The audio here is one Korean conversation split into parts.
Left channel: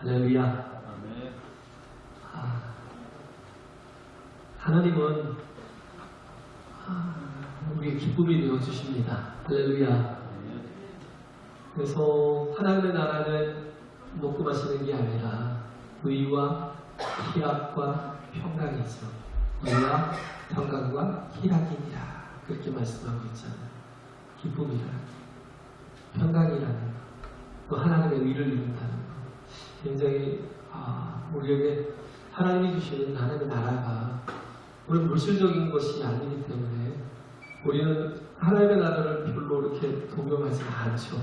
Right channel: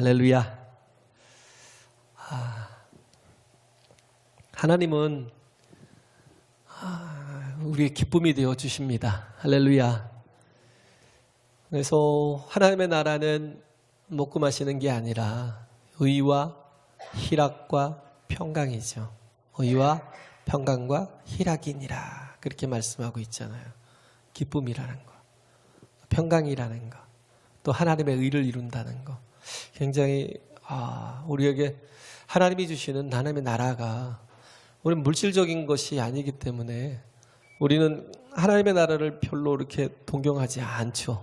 할렐루야. 하나님은 우리의 기쁨이 되어 주십니다. 할렐루야. 그래서 하나님의 나라는 먹고 마시는 게 아니라 의와 희락과 평강이죠. 의와 평강과 희락이니라, 그렇게 말씀하고 있잖아요. 기쁨이라는 거, 평강이라는 거, 또 하나님의 의를 이룬다는 거. 굉장히 우리에게 하나님이 주시는 하나님의 나라가 우리는 물질적인 것이 아니기 때문에 우리는 하나님의 나라를 별로 이렇게 동경하지 않죠.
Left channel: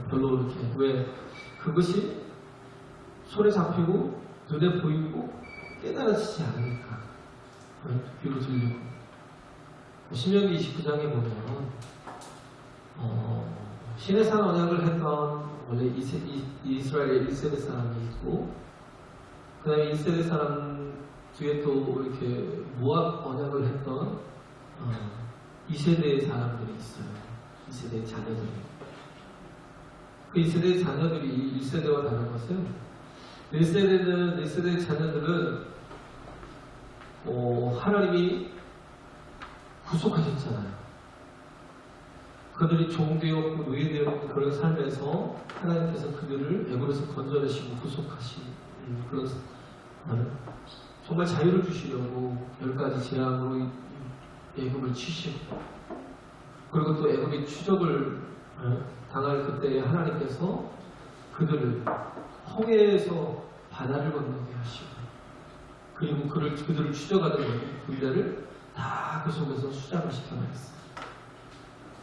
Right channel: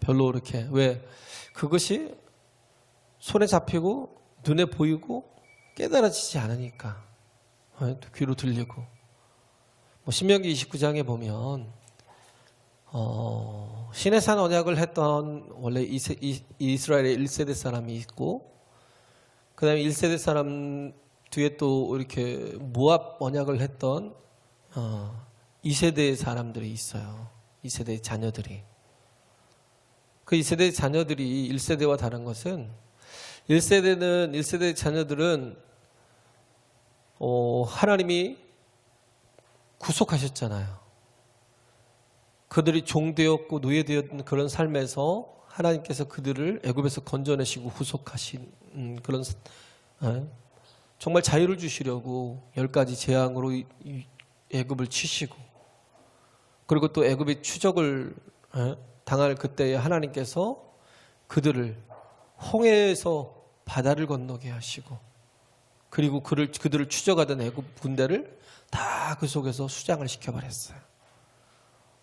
별로 이렇게. 왜? 그것이 손에 잡히고 눈에 보이고 깨달아지지 않으니까. 또 귀로 들리고. 신명기 29장에 보면 시내산 언약을 했던 원래 이스라엘의 1세대 사람이 있고, 그 다음에 1세대 사람 뒤에 또 이렇게 모압 언약을 했던 2세대의 사람들이 있어요. 2세대의 자녀들이. 그 2세대의 자녀들이 1세대와 다른 것은, 1세대의 자녀들은 하나님이 구속하셨잖아요. 그들이 종되었고 노예되었던 그런 삶에서 하나님께서 그들을 애굽에서 건져내시고 구속하신 그런 정말 자유를 주시려고 10가지 재앙으로 애굽을 치시고, 그리고 또 애굽의 추적을 당할 그때에 하나님께서 그들을 홍해에서 바다를 건너게 하시고, 그리고 그들을 추적하던 애굽 군대를 다 그 속에서 수장을 시켜버렸어요.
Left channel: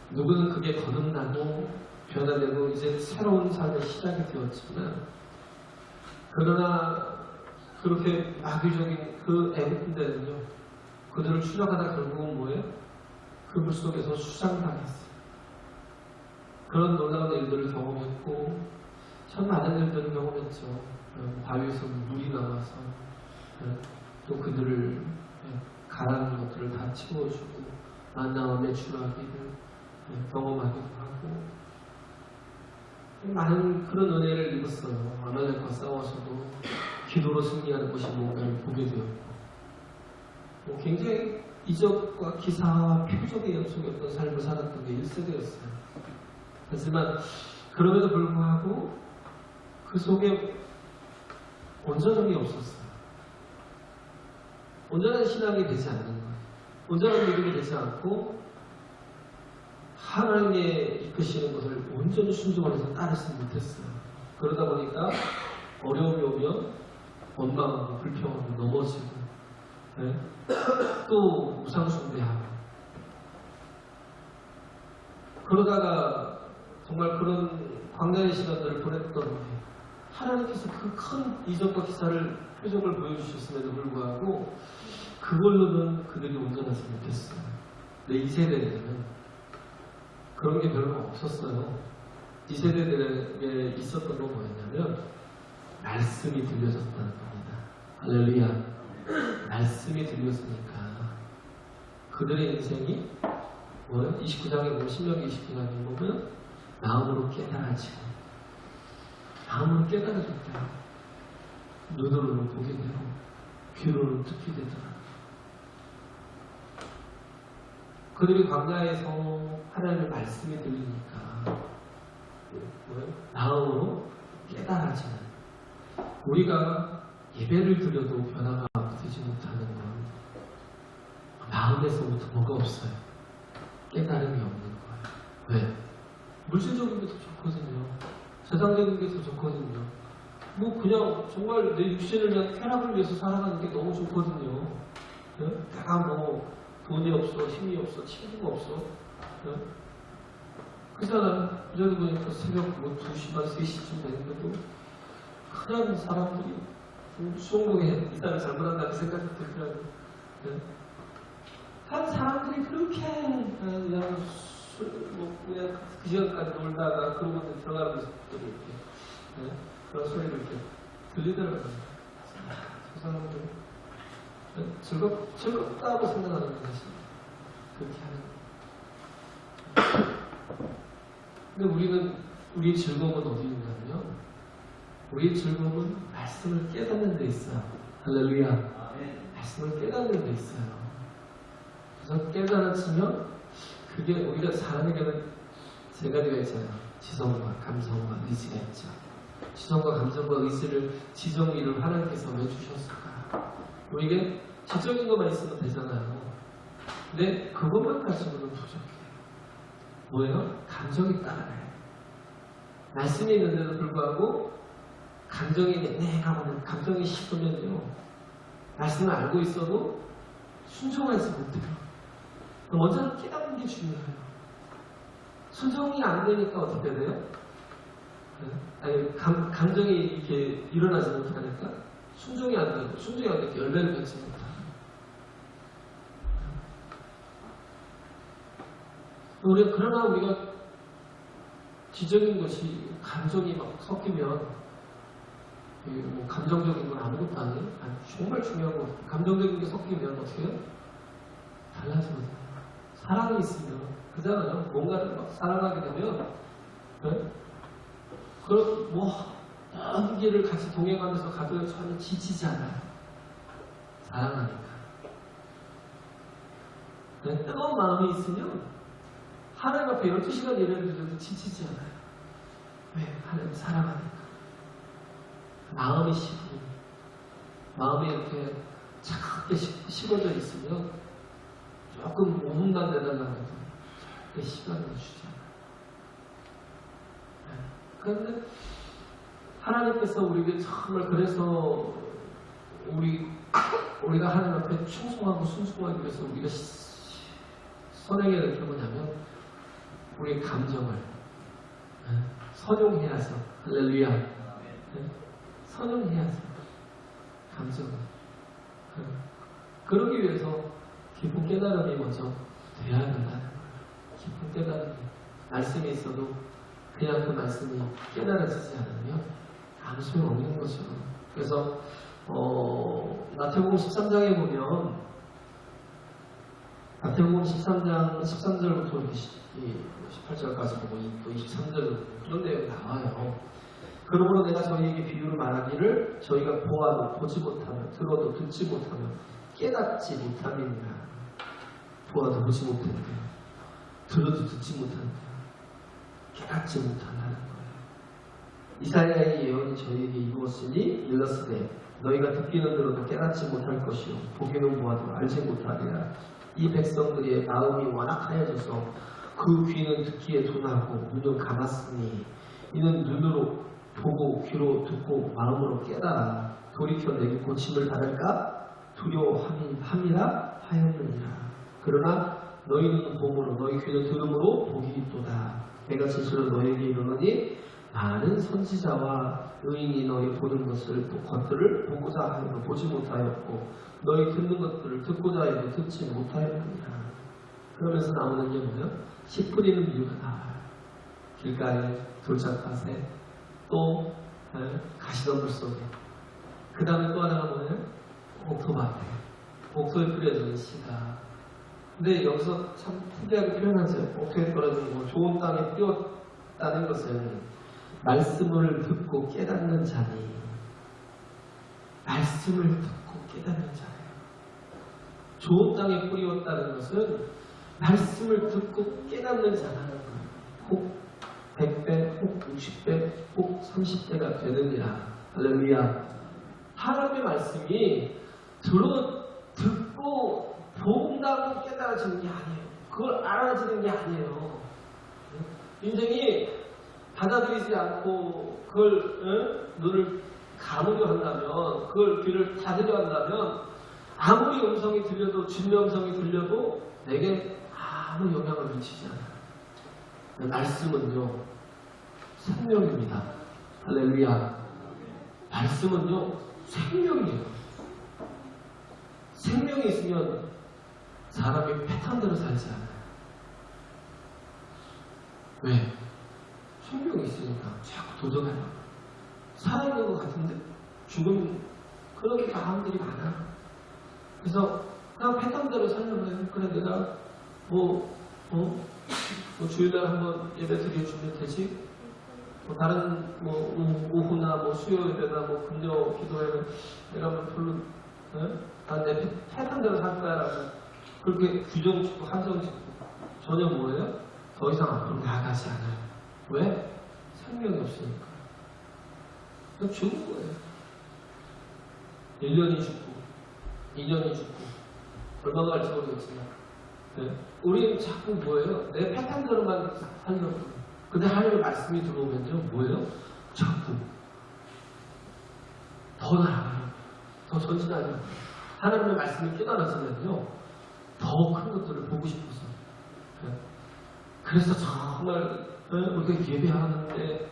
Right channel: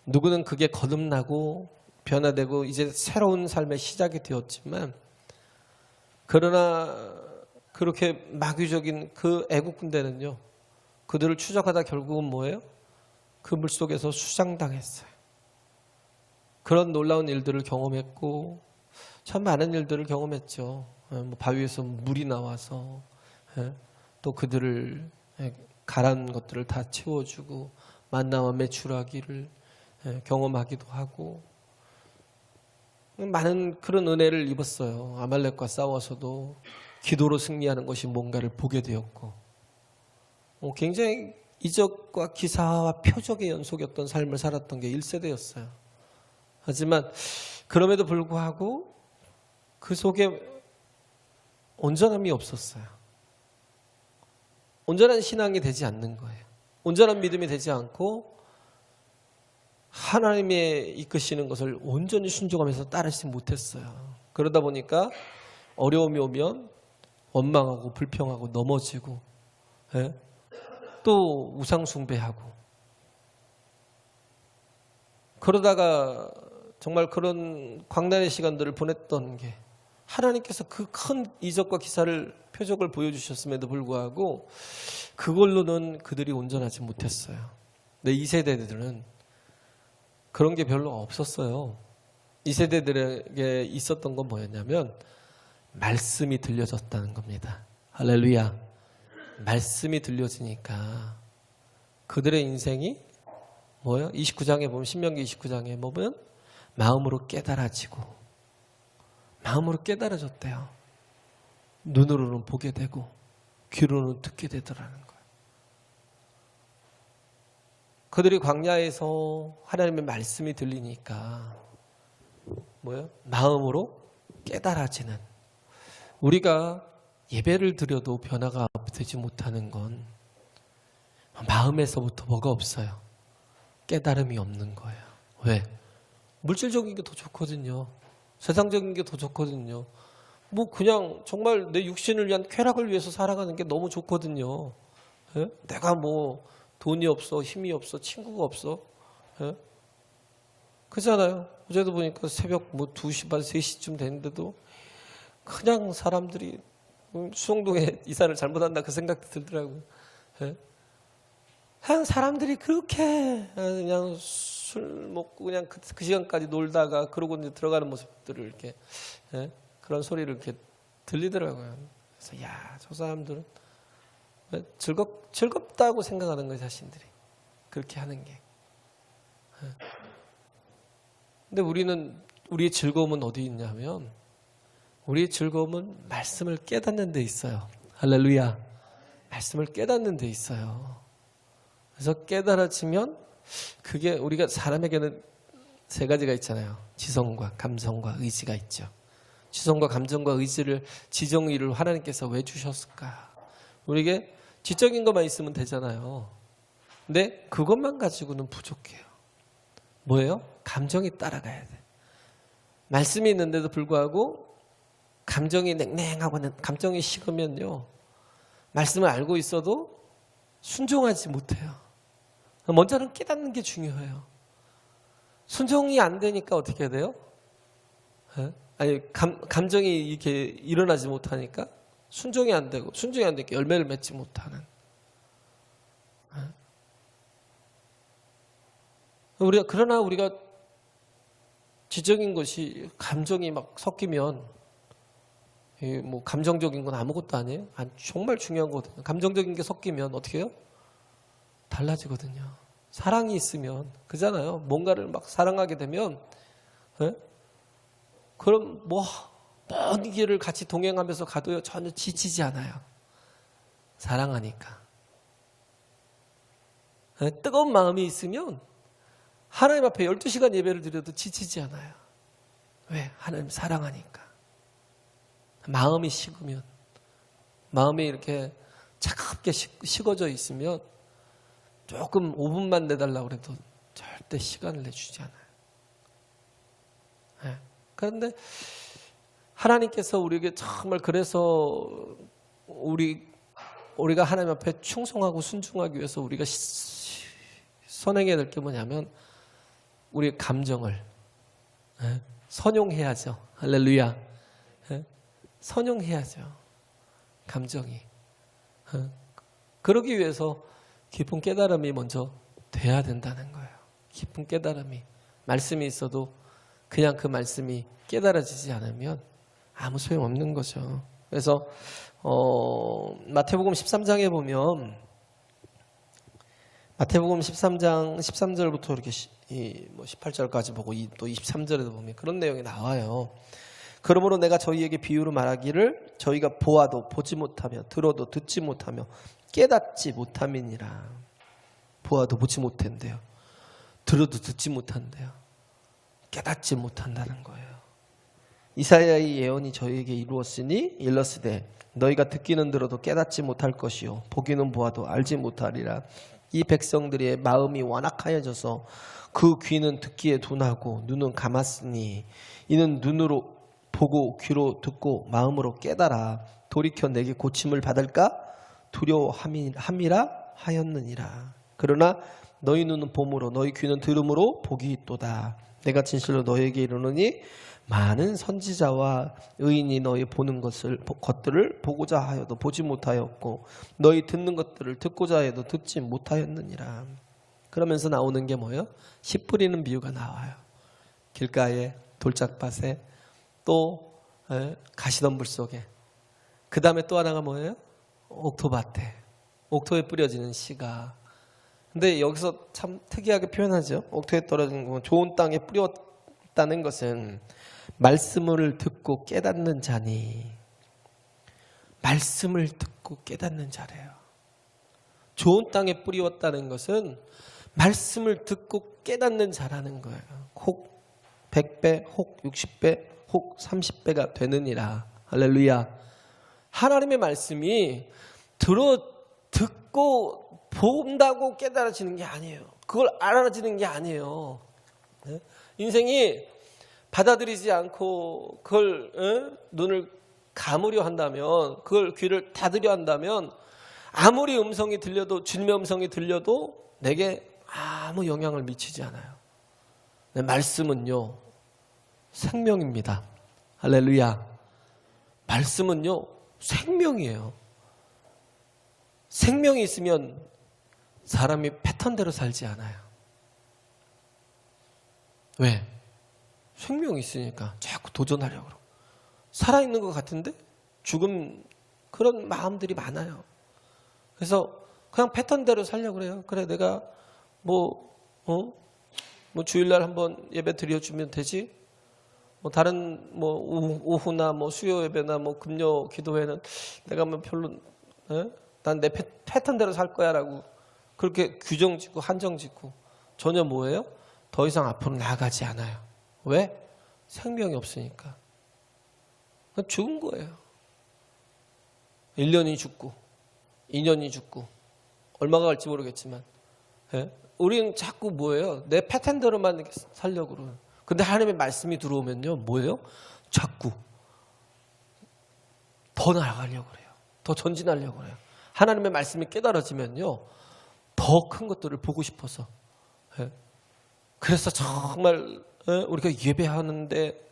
누구는 그게 거듭나고 변화되고 이제 새로운 삶의 시작이 되었지만, 그러나 그렇게 마귀적인 그 애국 군대는요, 그들을 추적하다 결국은 뭐예요? 그 물속에서 수장당했어요. 그런 놀라운 일들을 경험했고, 참 많은 일들을 경험했죠. 바위에서 물이 나와서 또 그들을 가라앉은 것들을 다 채워주고 만나와 메추라기를 경험하기도 하고, 많은 그런 은혜를 입었어요. 아말렉과 싸워서도 기도로 승리하는 것이 뭔가를 보게 되었고, 굉장히 이적과 기사와 표적의 연속이었던 삶을 살았던 게 1세대였어요. 하지만 그럼에도 불구하고 그 속에 온전함이 없었어요. 온전한 신앙이 되지 않는 거예요. 온전한 믿음이 되지 않고 하나님의 이끄시는 것을 온전히 순종하면서 따르지 못했어요. 그러다 보니까 어려움이 오면 원망하고 불평하고 넘어지고, 또 우상숭배하고, 그러다가 정말 그런 광란의 시간들을 보냈던 게, 하나님께서 그 큰 이적과 기사를 표적을 보여주셨음에도 불구하고 그걸로는 그들이 온전하지 못했어요. 근데 2세대들은 그런 게 별로 없었어요. 2세대들에게 있었던 건 뭐였냐면 말씀이 들려졌다는 겁니다. 할렐루야. 말씀이 들려지니까 그들의 인생이 뭐예요? 29장에 보면, 신명기 29장에 보면 마음으로 깨달아지고, 마음으로 깨달아졌대요. 눈으로는 보게 되고 귀로는 듣게 되더라고요. 그들이 광야에서 하나님의 말씀이 들리니까 뭐예요? 마음으로 깨달아지는. 우리가 예배를 드려도 변화가 되지 못하는 건 마음에서부터 뭐가 없어요? 깨달음이 없는 거예요. 왜? 물질적인 게 더 좋거든요. 세상적인 게 더 좋거든요. 그냥 정말 내 육신을 위한 쾌락을 위해서 살아가는 게 너무 좋거든요. 내가 돈이 없어, 힘이 없어, 친구가 없어. 그렇잖아요. 어제도 보니까 새벽 2시 반, 3시쯤 됐는데도 그냥 사람들이 수성동에 이사를 잘못한다 그 생각이 들더라고요. 그냥 사람들이 그렇게 그냥 술 먹고 그냥 그 시간까지 놀다가 그러고 이제 들어가는 모습들을 이렇게 그런 소리를 이렇게 들리더라고요. 그래서 저 사람들 즐겁다고 생각하는 거예요, 자신들이. 그렇게 하는 게. 근데 우리의 즐거움은 어디 있냐면 우리의 즐거움은 말씀을 깨닫는 데 있어요. 할렐루야. 말씀을 깨닫는 데 있어요. 그래서 깨달아지면 그게 우리가 사람에게는 세 가지가 있잖아요. 지성과 감성과 의지가 있죠. 지성과 감정과 의지를 지정의를 하나님께서 왜 주셨을까? 우리에게 지적인 것만 있으면 되잖아요. 근데 그것만 가지고는 부족해요. 뭐예요? 감정이 따라가야 돼요. 말씀이 있는데도 불구하고 감정이 냉랭하면, 감정이 식으면요, 말씀을 알고 있어도 순종하지 못해요. 먼저는 깨닫는 게 중요해요. 순종이 안 되니까 어떻게 해야 돼요? 아니, 감정이 이렇게 일어나지 못하니까 순종이 안 되고, 순종이 안 되니까 열매를 맺지 못하는. 그러나 우리가 지적인 것이 감정이 막 섞이면, 뭐 감정적인 건 아무것도 아니에요. 정말 중요한 거거든요. 감정적인 게 섞이면 어떻게 해요? 달라지거든요. 사랑이 있으면, 그잖아요. 뭔가를 막 사랑하게 되면, 그럼 먼 길을 같이 동행하면서 가도요, 전혀 지치지 않아요. 사랑하니까. 뜨거운 마음이 있으면 하나님 앞에 12시간 예배를 드려도 지치지 않아요. 왜? 하나님 사랑하니까. 마음이 식으면, 마음이 이렇게 차갑게 식어져 있으면 조금 5분만 내달라고 해도 절대 시간을 내주지 않아요. 그런데 하나님께서 우리에게 정말, 그래서 우리가 하나님 앞에 충성하고 순종하기 위해서 우리가 선행해야 될 게 뭐냐면, 우리의 감정을 선용해야죠. 할렐루야. 선용해야죠. 감정이. 그러기 위해서 깊은 깨달음이 먼저 돼야 된다는 거예요. 깊은 깨달음이. 말씀이 있어도 그냥 그 말씀이 깨달아지지 않으면 아무 소용없는 거죠. 그래서 마태복음 13장에 보면, 마태복음 13장 13절부터 이렇게 18절까지 보고 또 23절에 보면 그런 내용이 나와요. 그러므로 내가 저희에게 비유로 말하기를, 저희가 보아도 보지 못하며 들어도 듣지 못하며 깨닫지 못함이니라. 보아도 보지 못한대요. 들어도 듣지 못한대요. 깨닫지 못한다는 거예요. 이사야의 예언이 저희에게 이르렀으되 너희가 듣기는 들어도 깨닫지 못할 것이요 보기는 보아도 알지 못하리라. 이 백성들의 마음이 완악하여져서 그 귀는 듣기에 둔하고 눈은 감았으니 이는 눈으로 보고 귀로 듣고 마음으로 깨달아 돌이켜 내게 고침을 받을까 두려워함이라 하였느니라. 그러나 너희 눈은 봄으로 너희 귀는 들음으로 복이 있도다. 내가 진실로 너희에게 이르노니 많은 선지자와 의인이 너희 보는 것들을 보고자 하여도 보지 못하였고 너희 듣는 것들을 듣고자 해도 듣지 못하였느니라. 그러면서 나오는 게 뭐예요? 씨 뿌리는 비유가 나와요. 길가에, 돌짝밭에, 또 가시덤불 속에. 그 다음에 또 하나가 뭐예요? 옥토밭에. 옥토에 뿌려지는 씨가. 근데 여기서 참 특이하게 표현하죠. 옥토에 떨어진 거, 좋은 땅에 뿌렸다는 것은 말씀을 듣고 깨닫는 자니, 말씀을 듣고 깨닫는 자래요. 좋은 땅에 뿌리웠다는 것은 말씀을 듣고 깨닫는 자라는 거예요. 혹 100배, 혹 60배, 혹 30배가 되느니라. 할렐루야. 하나님의 말씀이 듣고 본다고 깨달아지는 게 아니에요. 그걸 알아지는 게 아니에요. 인생이 받아들이지 않고 그걸 눈을 감으려 한다면, 그걸 귀를 닫으려 한다면 아무리 음성이 들려도, 주님의 음성이 들려도 내게 아무 영향을 미치지 않아요. 말씀은요 생명입니다. 할렐루야. 말씀은요 생명이에요. 생명이 있으면 사람이 패턴대로 살지 않아요. 왜? 생명이 있으니까 자꾸 도전하려고. 살아있는 것 같은데 죽음, 그런 마음들이 많아요. 그래서 그냥 패턴대로 살려고 그래요. 그래, 내가 뭐 주일날 한번 예배 드려주면 되지? 뭐 다른 뭐 오후나 뭐 수요 예배나 뭐 금요 기도회는 내가 뭐 별로 난 내 패턴대로 살 거야라고 그렇게 규정 짓고 한정 짓고 전혀 뭐예요? 더 이상 앞으로 나아가지 않아요. 왜? 생명이 없으니까. 그럼 죽은 거예요. 1년이 죽고 2년이 죽고 얼마가 갈지 모르겠지만 우리는 자꾸 뭐예요? 내 패턴대로만 이렇게 살려고 그래요. 근데 하나님의 말씀이 들어오면요 뭐예요? 자꾸 더 나아가려고 그래요. 더 전진하려고 그래요. 하나님의 말씀이 깨달아지면요 더 큰 것들을 보고 싶어서 그래서 정말 우리가 예배하는데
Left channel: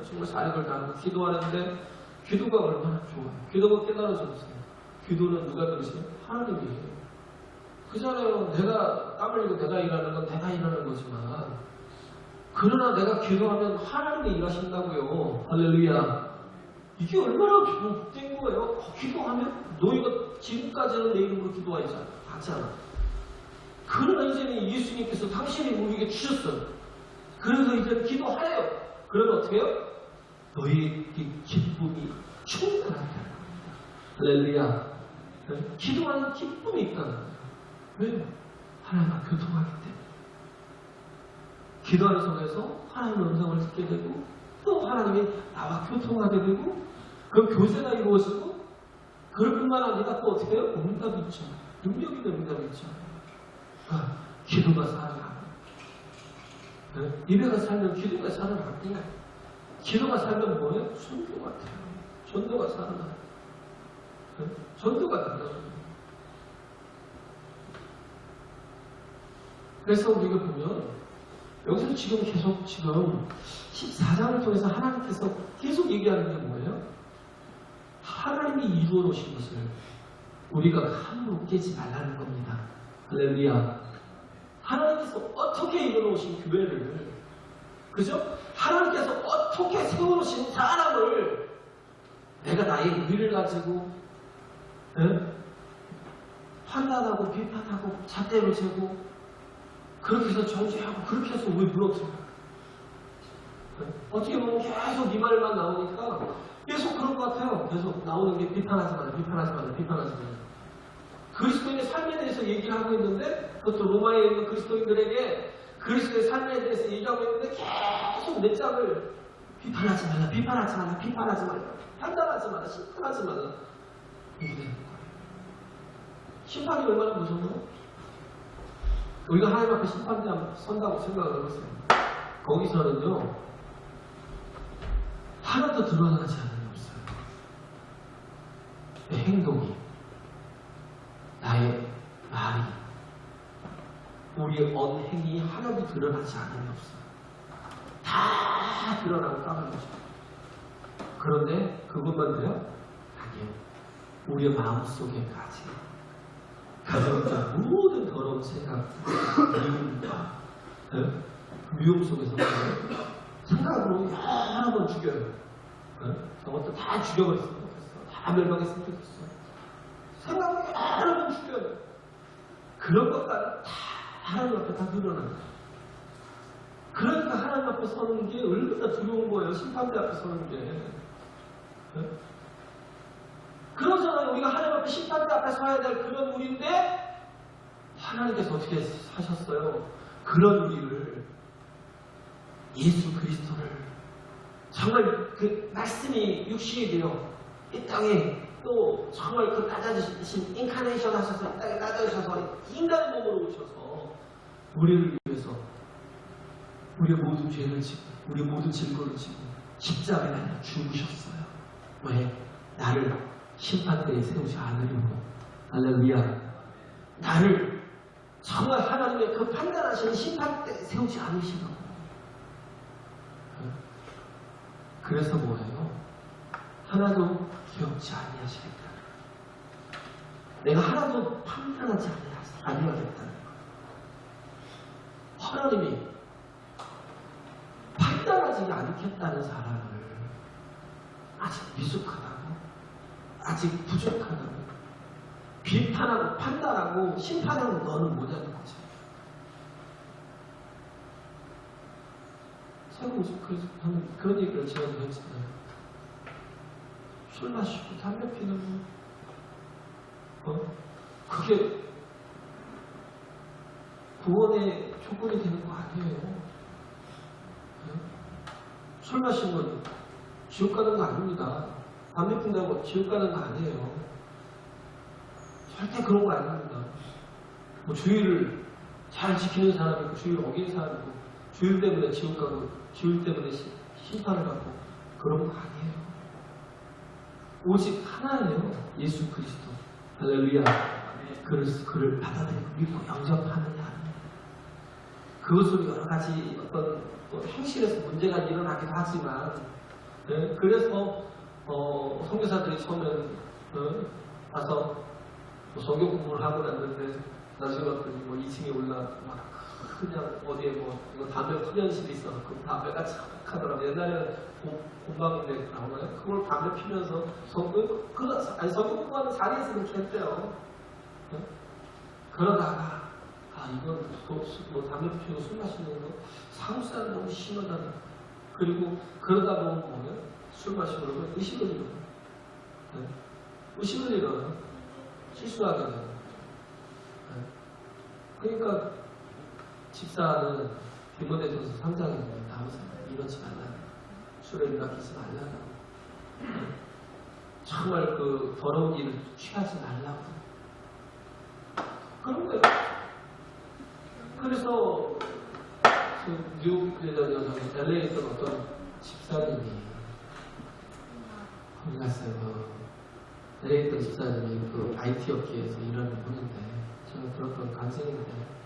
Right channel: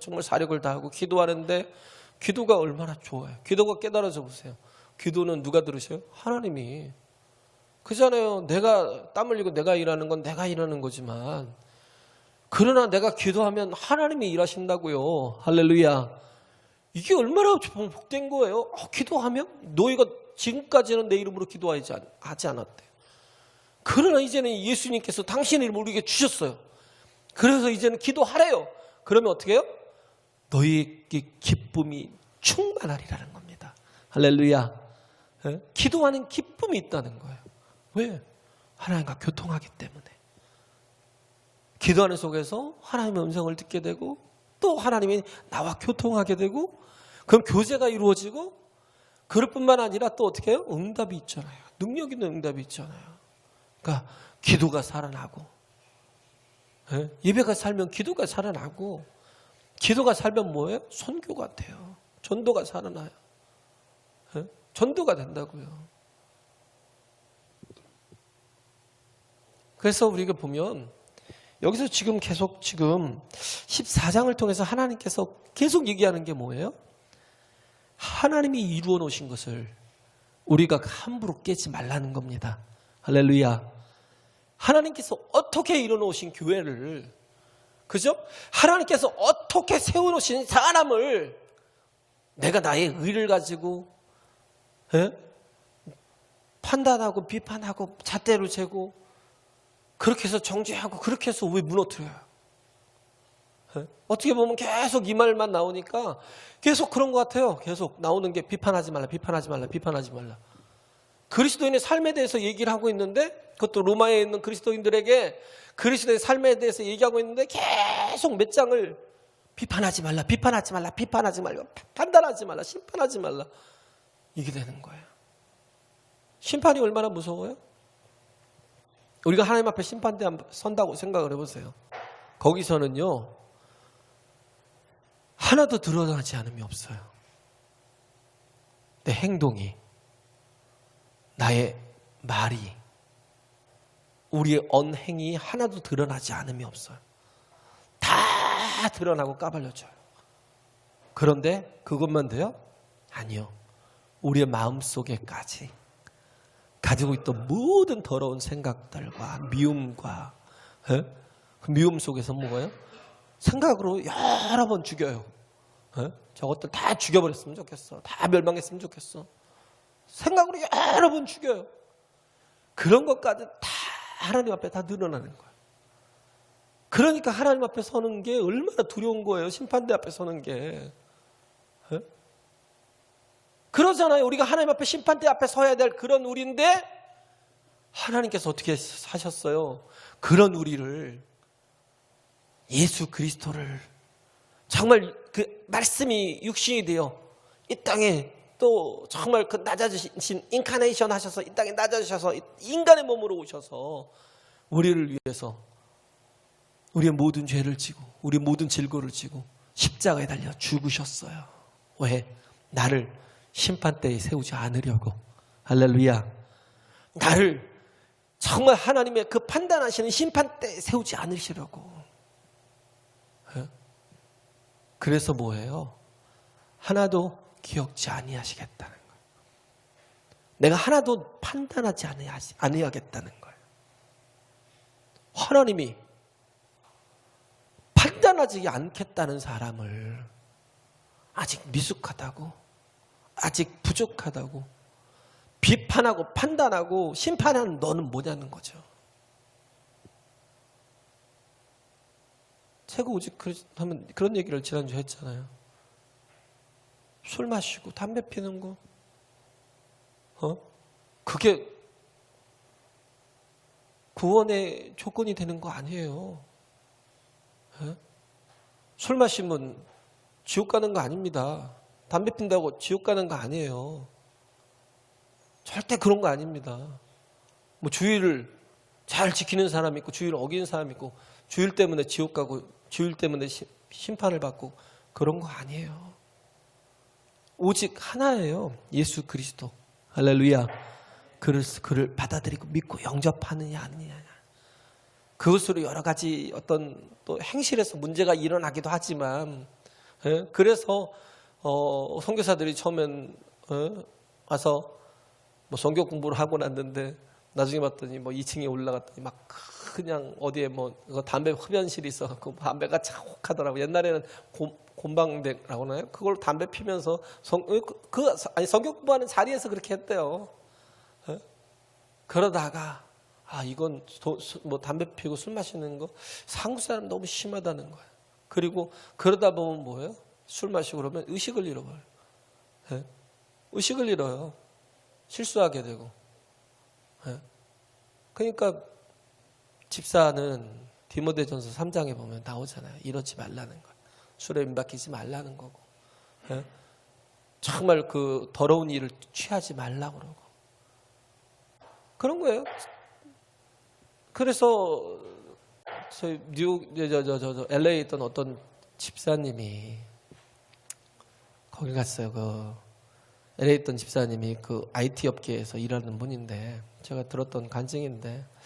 정말 사력을 다하고 기도하는데 기도가 얼마나 좋아요. 기도가 깨달아져 보세요. 기도는 누가 들으세요? 하나님이. 그잖아요. 내가 땀 흘리고 내가 일하는 건 내가 일하는 거지만 그러나 내가 기도하면 하나님이 일하신다고요. 할렐루야. 이게 얼마나 복된 거예요. 기도하면 너희가 지금까지는 내 이름으로 기도하지 않았대. 그러나 이제는 예수님께서 당신의 이름을 우리에게 주셨어요. 그래서 이제는 기도하래요. 그러면 어떻게 해요? 너희에게 기쁨이 충만하리라는 겁니다. 할렐루야. 기도하는 기쁨이 있다는 거예요. 왜요? 하나님과 교통하기 때문에. 기도하는 속에서 하나님의 음성을 듣게 되고 또 하나님이 나와 교통하게 되고 그 교제가 이루어지고 그럴 뿐만 아니라 또 어떻게 해요? 응답이 있잖아요. 능력 있는 응답이 있잖아요. 그러니까 기도가 살아나고 예배가 살면 기도가 살아나고 기도가 살면 뭐예요? 선교가 돼요. 전도가 살아나요. 전도가 된다고요. 그래서 우리가 보면 여기서 지금 계속 14장을 통해서 하나님께서 계속 얘기하는 게 뭐예요? 하나님이 이루어 놓으신 것을 우리가 함부로 깨지 말라는 겁니다. 할렐루야. 하나님께서 어떻게 이루어 놓으신 교회를, 그죠? 하나님께서 어떻게 세워 놓으신 사람을 내가 나의 의를 가지고 판단하고 비판하고 잣대로 재고 그렇게 해서 정죄하고 그렇게 해서 왜 무너뜨려요? 어떻게 보면 계속 이 말만 나오니까 계속 그런 것 같아요. 계속 나오는 게 비판하지 말라, 비판하지 말라, 비판하지 말라. 그리스도인의 삶에 대해서 얘기를 하고 있는데 그것도 로마에 있는 그리스도인들에게 그리스도의 삶에 대해서 얘기하고 있는데 계속 몇 장을 비판하지 말라, 비판하지 말라, 비판하지 말라, 판단하지 말라, 심판하지 말라. 이게 되는 거예요. 심판이 얼마나 무서워요? 우리가 하나님 앞에 심판대 앞에 선다고 생각을 해보세요. 거기서는요 하나도 드러나지 않음이 없어요. 내 행동이, 나의 말이, 우리의 언행이 하나도 드러나지 않음이 없어요. 다 드러나고 까발려져요. 그런데 그것만 돼요? 아니요. 우리의 마음속에까지 가지고 있던 모든 더러운 생각들, 미움과 그 미움 속에서 뭐예요? 생각으로 여러 번 죽여요. 저것들 다 죽여버렸으면 좋겠어. 다 멸망했으면 좋겠어. 생각으로 여러 번 죽여요. 그런 것까지 다 하나님 앞에 다 늘어나는 거예요. 그러니까 하나님 앞에 서는 게 얼마나 두려운 거예요. 심판대 앞에 서는 게. 그러잖아요. 우리가 하나님 앞에 심판대 앞에 서야 될 그런 우리인데 하나님께서 어떻게 사셨어요? 그런 우리를, 예수 그리스도를 정말 그 말씀이 육신이 되어 이 땅에 또 정말 그 낮아지신 인카네이션 하셔서 이 땅에 낮아지셔서 인간의 몸으로 오셔서 우리를 위해서 우리의 모든 죄를 지고 우리의 모든 질고를 지고 십자가에 달려 죽으셨어요. 왜? 나를 심판대에 세우지 않으려고. 할렐루야. 나를 정말 하나님의 그 판단하시는 심판대에 세우지 않으시려고. 그래서 뭐예요? 하나도 기억지 아니하시겠다. 내가 하나도 판단하지 아니하겠다는 거예요. 하나님이 판단하지 않겠다는 사람을 아직 미숙하다고, 아직 부족하다고, 비판하고 판단하고 심판하는 너는 뭐냐는 거죠. 새가 오직 하면 그런 얘기를 지난주에 했잖아요. 술 마시고 담배 피는 거, 그게 구원의 조건이 되는 거 아니에요. 술 마시면 지옥 가는 거 아닙니다. 담배 핀다고 지옥 가는 거 아니에요. 절대 그런 거 아닙니다. 뭐 주의를 잘 지키는 사람이 있고 주의를 어기는 사람이 있고 주일 때문에 지옥 가고 주일 때문에 심판을 받고 그런 거 아니에요. 오직 하나예요. 예수 그리스도. 할렐루야. 그를 받아들이고 믿고 영접하느냐 아니냐. 그것으로 여러 가지 어떤 또 행실에서 문제가 일어나기도 하지만, 그래서 선교사들이 처음엔 와서 뭐 성경 공부를 하고 났는데 나중에 봤더니 뭐 2층에 올라갔더니 막 그냥 어디에 뭐 담배 흡연실이 있어갖고 담배가 착하더라고. 옛날에는 곰방대라고 하나요? 그걸 담배 피면서 성경 공부하는 자리에서 그렇게 했대요. 그러다가 이건 뭐 담배 피우고 술 마시는 거 상수는 너무 심하다는 거예요. 그리고 그러다 보면 뭐예요? 술 마시고 그러면 의식을 잃어요. 의식을 잃어요. 실수하게 되고. 그러니까 집사는 디모데전서 3장에 보면 나오잖아요. 이러지 말라는 거. 술에 임박이지 말라는 거. 정말 그 더러운 일을 취하지 말라고. 그런 거예요. 그래서 LA에 있던 어떤 집사님이 거기 갔어요. LA에 있던 집사님이 그 IT 업계에서 일하는 분인데 제가 들었던 간증인데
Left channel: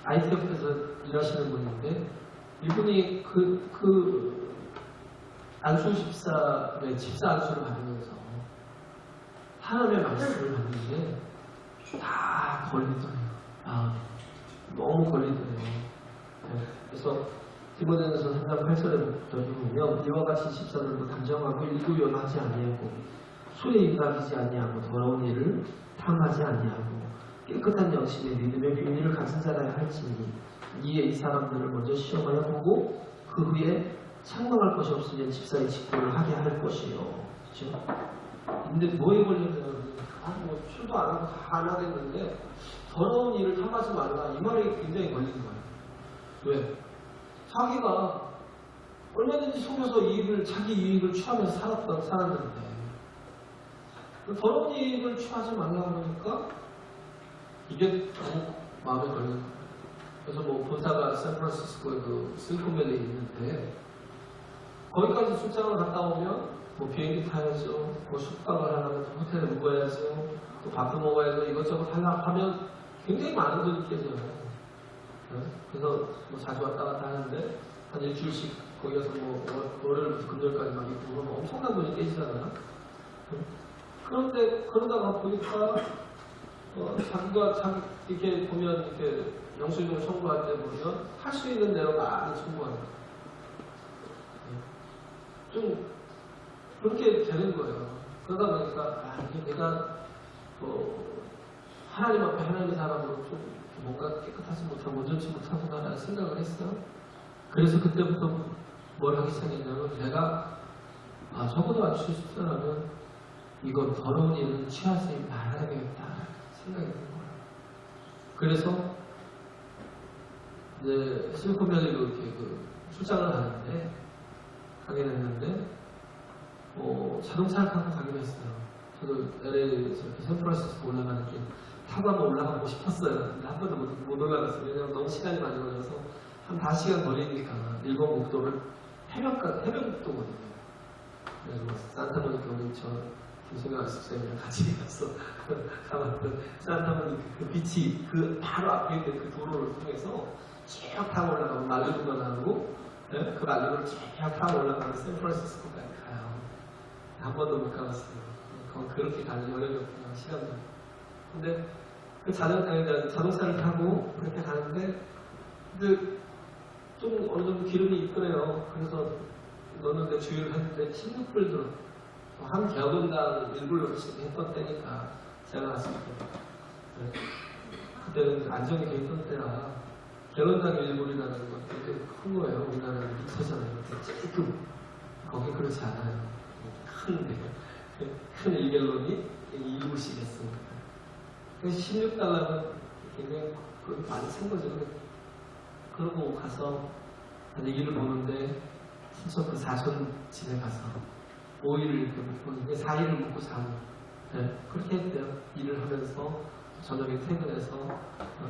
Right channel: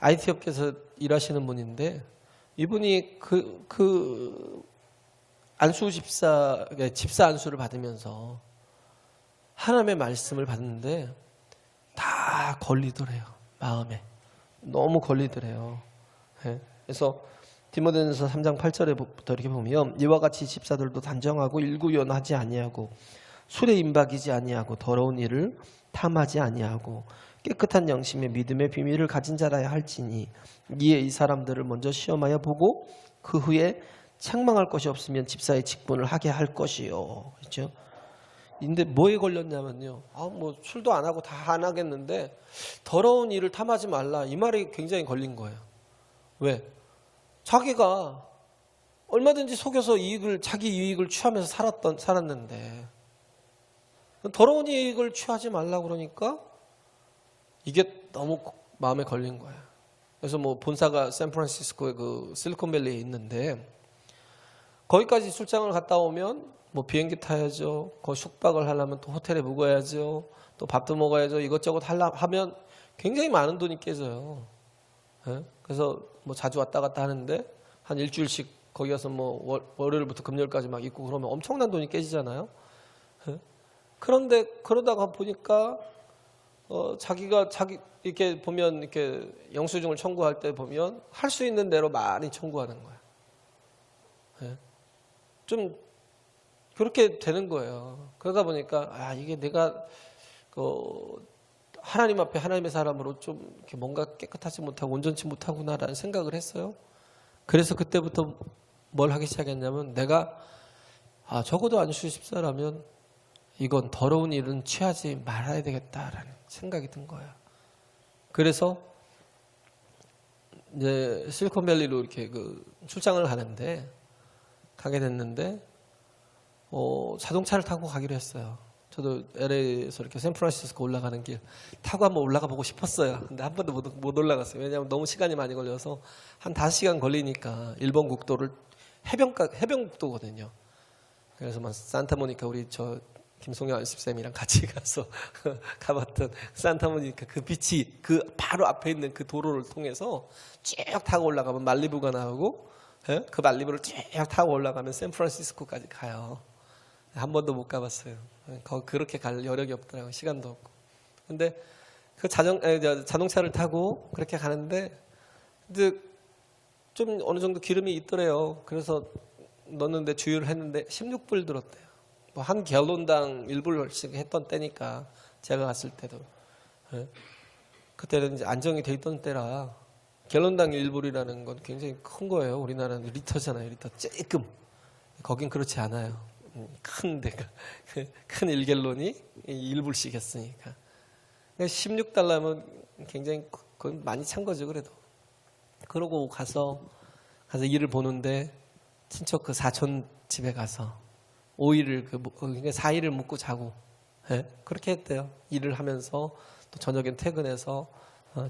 IT 업계에서 일하시는 분인데 이분이 안수 집사 안수를 받으면서 하나님의 말씀을 받는데 다 걸리더래요. 마음에 너무 걸리더래요. 그래서 디모데전서 3장 8절에부터 이렇게 보면 이와 같이 집사들도 단정하고 일구연하지 아니하고 술에 임박이지 아니하고 더러운 일을 탐하지 아니하고 깨끗한 영심의 믿음의 비밀을 가진 자라야 할지니 이에 이 사람들을 먼저 시험하여 보고 그 후에 책망할 것이 없으면 집사의 직분을 하게 할 것이요. 그렇죠? 근데 뭐에 걸렸냐면요. 뭐 술도 안 하고 다 안 하겠는데 더러운 일을 탐하지 말라. 이 말이 굉장히 걸린 거예요. 왜? 자기가 얼마든지 속여서 자기 이익을 취하면서 살았는데 더러운 이익을 취하지 말라 그러니까 이게 너무 마음에 걸린 거예요. 그래서 뭐 본사가 샌프란시스코의 그 실리콘밸리에 있는데 거기까지 출장을 갔다 오면 뭐 비행기 타야죠. 거기 숙박을 하려면 또 호텔에 묵어야죠. 또 밥도 먹어야죠. 이것저것 하면 굉장히 많은 돈이 깨져요. 그래서 뭐 자주 왔다 갔다 하는데 한 일주일씩 거기 가서 뭐 월요일부터 금요일까지 막 있고 그러면 엄청난 돈이 깨지잖아요. 그런데 그러다가 보니까 자기가 이렇게 보면 이렇게 영수증을 청구할 때 보면 할 수 있는 대로 많이 청구하는 거예요. 좀 그렇게 되는 거예요. 그러다 보니까 이게 내가 하나님 앞에 하나님의 사람으로 좀 이렇게 뭔가 깨끗하지 못하고 온전치 못하구나라는 생각을 했어요. 그래서 그때부터 뭘 하기 시작했냐면 내가 적어도 안수 집사라면 이건 더러운 일은 취하지 말아야 되겠다라는 생각이 든 거예요. 그래서 이제 실리콘밸리로 이렇게 출장을 가게 됐는데 자동차를 타고 가기로 했어요. 저도 LA에서 이렇게 샌프란시스코 올라가는 길 타고 한번 올라가 보고 싶었어요. 근데 한 번도 못 올라갔어요. 왜냐하면 너무 시간이 많이 걸려서 한 5시간 걸리니까 일본 국도를 해변국도거든요. 그래서 뭐 산타모니카 우리 김송영 안습생이랑 같이 가서 가봤던 산타모니카 그 빛이 그 바로 앞에 있는 그 도로를 통해서 쭉 타고 올라가면 말리부가 나오고 그 말리부를 쭉 타고 올라가면 샌프란시스코까지 가요. 한 번도 못 가봤어요. 그렇게 갈 여력이 없더라고요. 시간도 없고. 근데 그 자동차를 타고 그렇게 가는데 근데 좀 어느 정도 기름이 있더래요. 그래서 넣는데 주유를 했는데 16불 들었대요. 한 갤론당 1불씩 했던 때니까 제가 갔을 때도 그때는 이제 안정이 돼 있던 때라 갤런당 1불이라는 건 굉장히 큰 거예요. 우리나라는 리터잖아요. 리터 쬐끔. 거긴 그렇지 않아요. 큰 데가. 큰 1갤론이 1불씩이었으니까. 16달러면 굉장히 그건 많이 찬 거죠. 그래도. 그러고 가서 일을 보는데 친척 그 사촌 집에 가서 5일을 묵고 4일을 묵고 자고 그렇게 했대요. 일을 하면서 또 저녁에 퇴근해서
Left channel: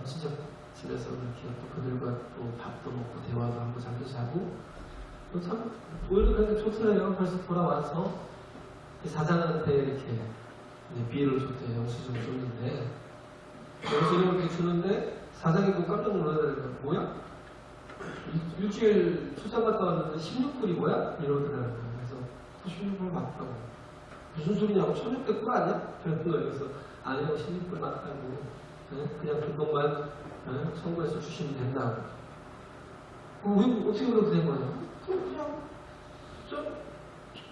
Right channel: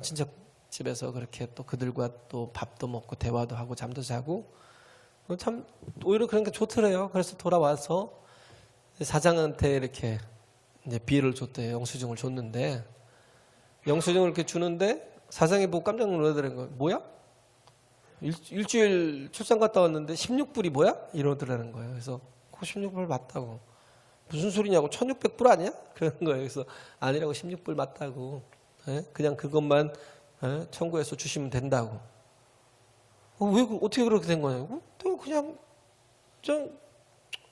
친척 집에서 그렇게 또 그들과 또 밥도 먹고 대화도 하고 잠도 자고 참 오히려 그런 게 좋더래요. 그래서 돌아와서 사장한테 이렇게 이제 비를 줬대요. 영수증을 줬는데 영수증을 이렇게 주는데 사장이 보고 깜짝 놀라더라고요. 뭐야? 일주일 출장 갔다 왔는데 16불이 뭐야? 이러더라는 거예요. 그래서 16불 맞다고. 무슨 소리냐고 1600불 아니야? 그런 거예요. 그래서 아니라고 16불 맞다고. 그냥 그것만 청구해서 주시면 된다고. 왜 어떻게 그렇게 된 거냐고? 또 그냥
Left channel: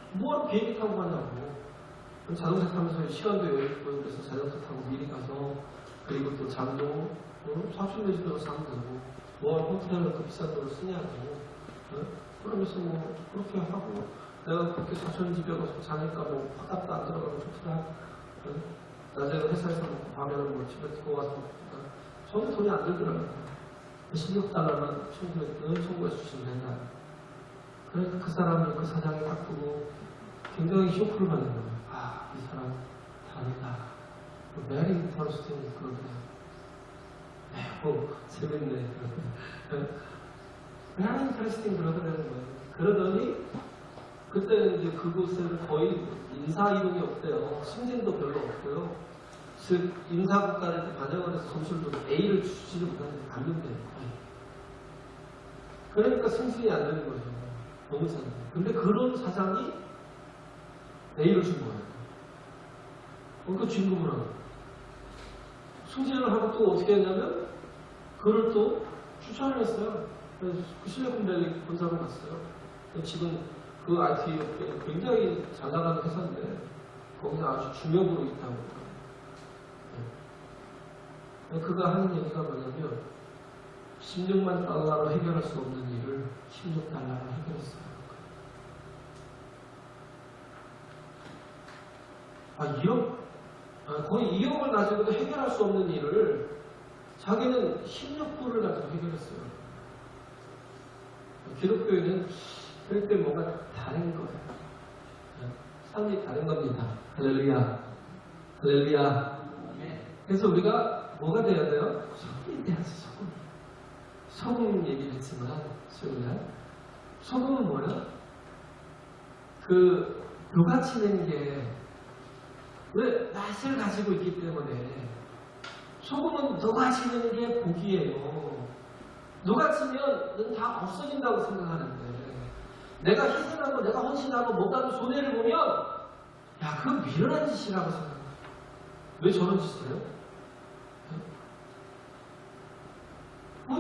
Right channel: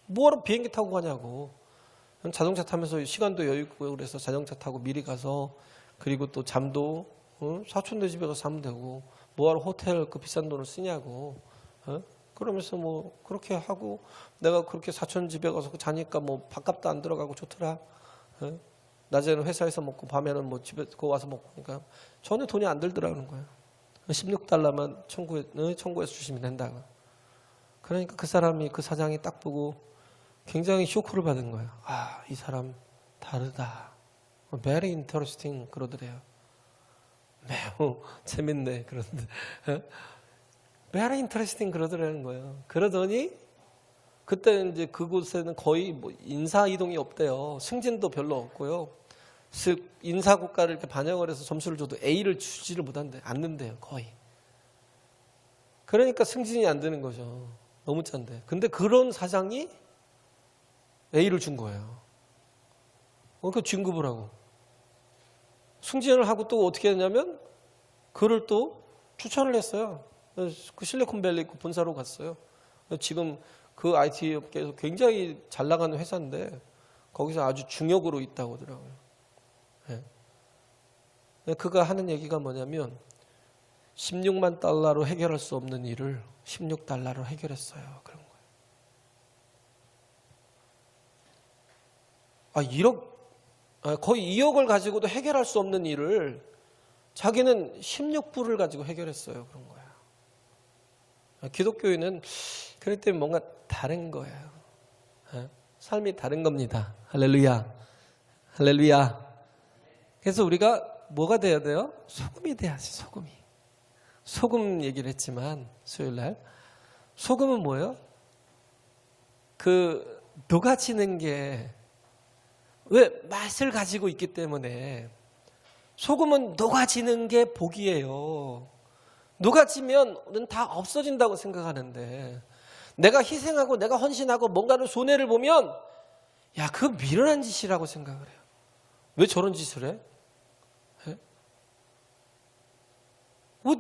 뭐하러 비행기 타고 가냐고. 자동차 타면서 시간도 여유 있고 그래서 자동차 타고 미리 가서 그리고 또 잠도 사촌네 집에 가서 자면 되고 뭐하러 호텔 그 비싼 돈을 쓰냐고. 그러면서 뭐 그렇게 하고 내가 그렇게 사촌 집에 가서 자니까 뭐 밥값도 안 들어가고 좋더라. 낮에는 회사에서 먹고 밤에는 뭐 집에 와서 먹고 그러니까 전혀 돈이 안 들더라고요. 16달러만 청구해서 주시면 된다. 그러니까 그 사람이 그 사장이 딱 보고 굉장히 쇼크를 받은 거예요. 아, 이 사람 다르다. Very interesting 그러더래요. 매우 재밌네 그러는데 Very interesting 그러더라는 거예요. 그러더니 그때 이제 그곳에는 거의 뭐 인사 이동이 없대요. 승진도 별로 없고요. 즉 인사고과를 이렇게 반영을 해서 점수를 줘도 A를 주지를 않는데요. 거의. 그러니까 승진이 안 되는 거죠. 너무 찬데. 근데 그런 사장이 A를 준 거예요. 그 진급을 하고. 승진을 하고 또 어떻게 했냐면 그를 또 추천을 했어요. 그 실리콘밸리 본사로 갔어요. 지금 그 IT 업계에서 굉장히 잘 나가는 회사인데 거기서 아주 중역으로 있다고. 그가 하는 얘기가 뭐냐면 16만 달러로 해결할 수 없는 일을 16달러로 해결했어요. 거의 2억을 가지고도 해결할 수 없는 일을 자기는 16불을 가지고 해결했어요. 기독교인은 그럴 때 뭔가 다른 거예요. 삶이 다른 겁니다. 할렐루야. 할렐루야. 그래서 우리가 뭐가 돼야 돼요? 소금이 돼야죠. 소금이. 소금 얘기를 했지만 수요일날 소금은 뭐예요? 녹아지는 게 왜 맛을 가지고 있기 때문에 소금은 녹아지는 게 복이에요. 녹아지면 다 없어진다고 생각하는데 내가 희생하고 내가 헌신하고 뭔가를 손해를 보면 야 그거 미련한 짓이라고 생각해요. 왜 저런 짓을 해?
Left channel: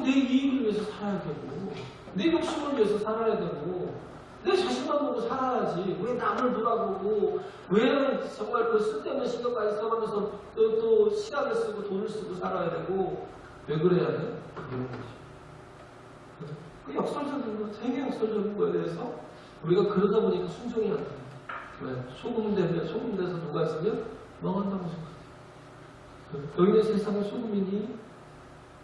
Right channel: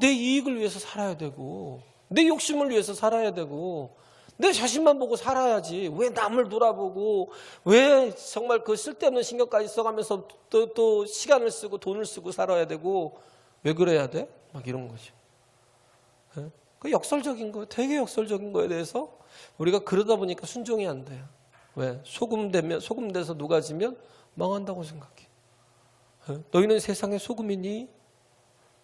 내 이익을 위해서 살아야 되고 내 욕심을 위해서 살아야 되고 내 자신만 보고 살아야지 왜 남을 돌아보고 왜 정말 그 쓸데없는 신경까지 써가면서 또 시간을 쓰고 돈을 쓰고 살아야 되고 왜 그래야 돼? 막 이런 거죠. 그 역설적인 거, 되게 역설적인 거에 대해서 우리가 그러다 보니까 순종이 안 돼. 왜? 소금 돼서 녹아지면 망한다고 생각해. 너희는 세상의 소금이니?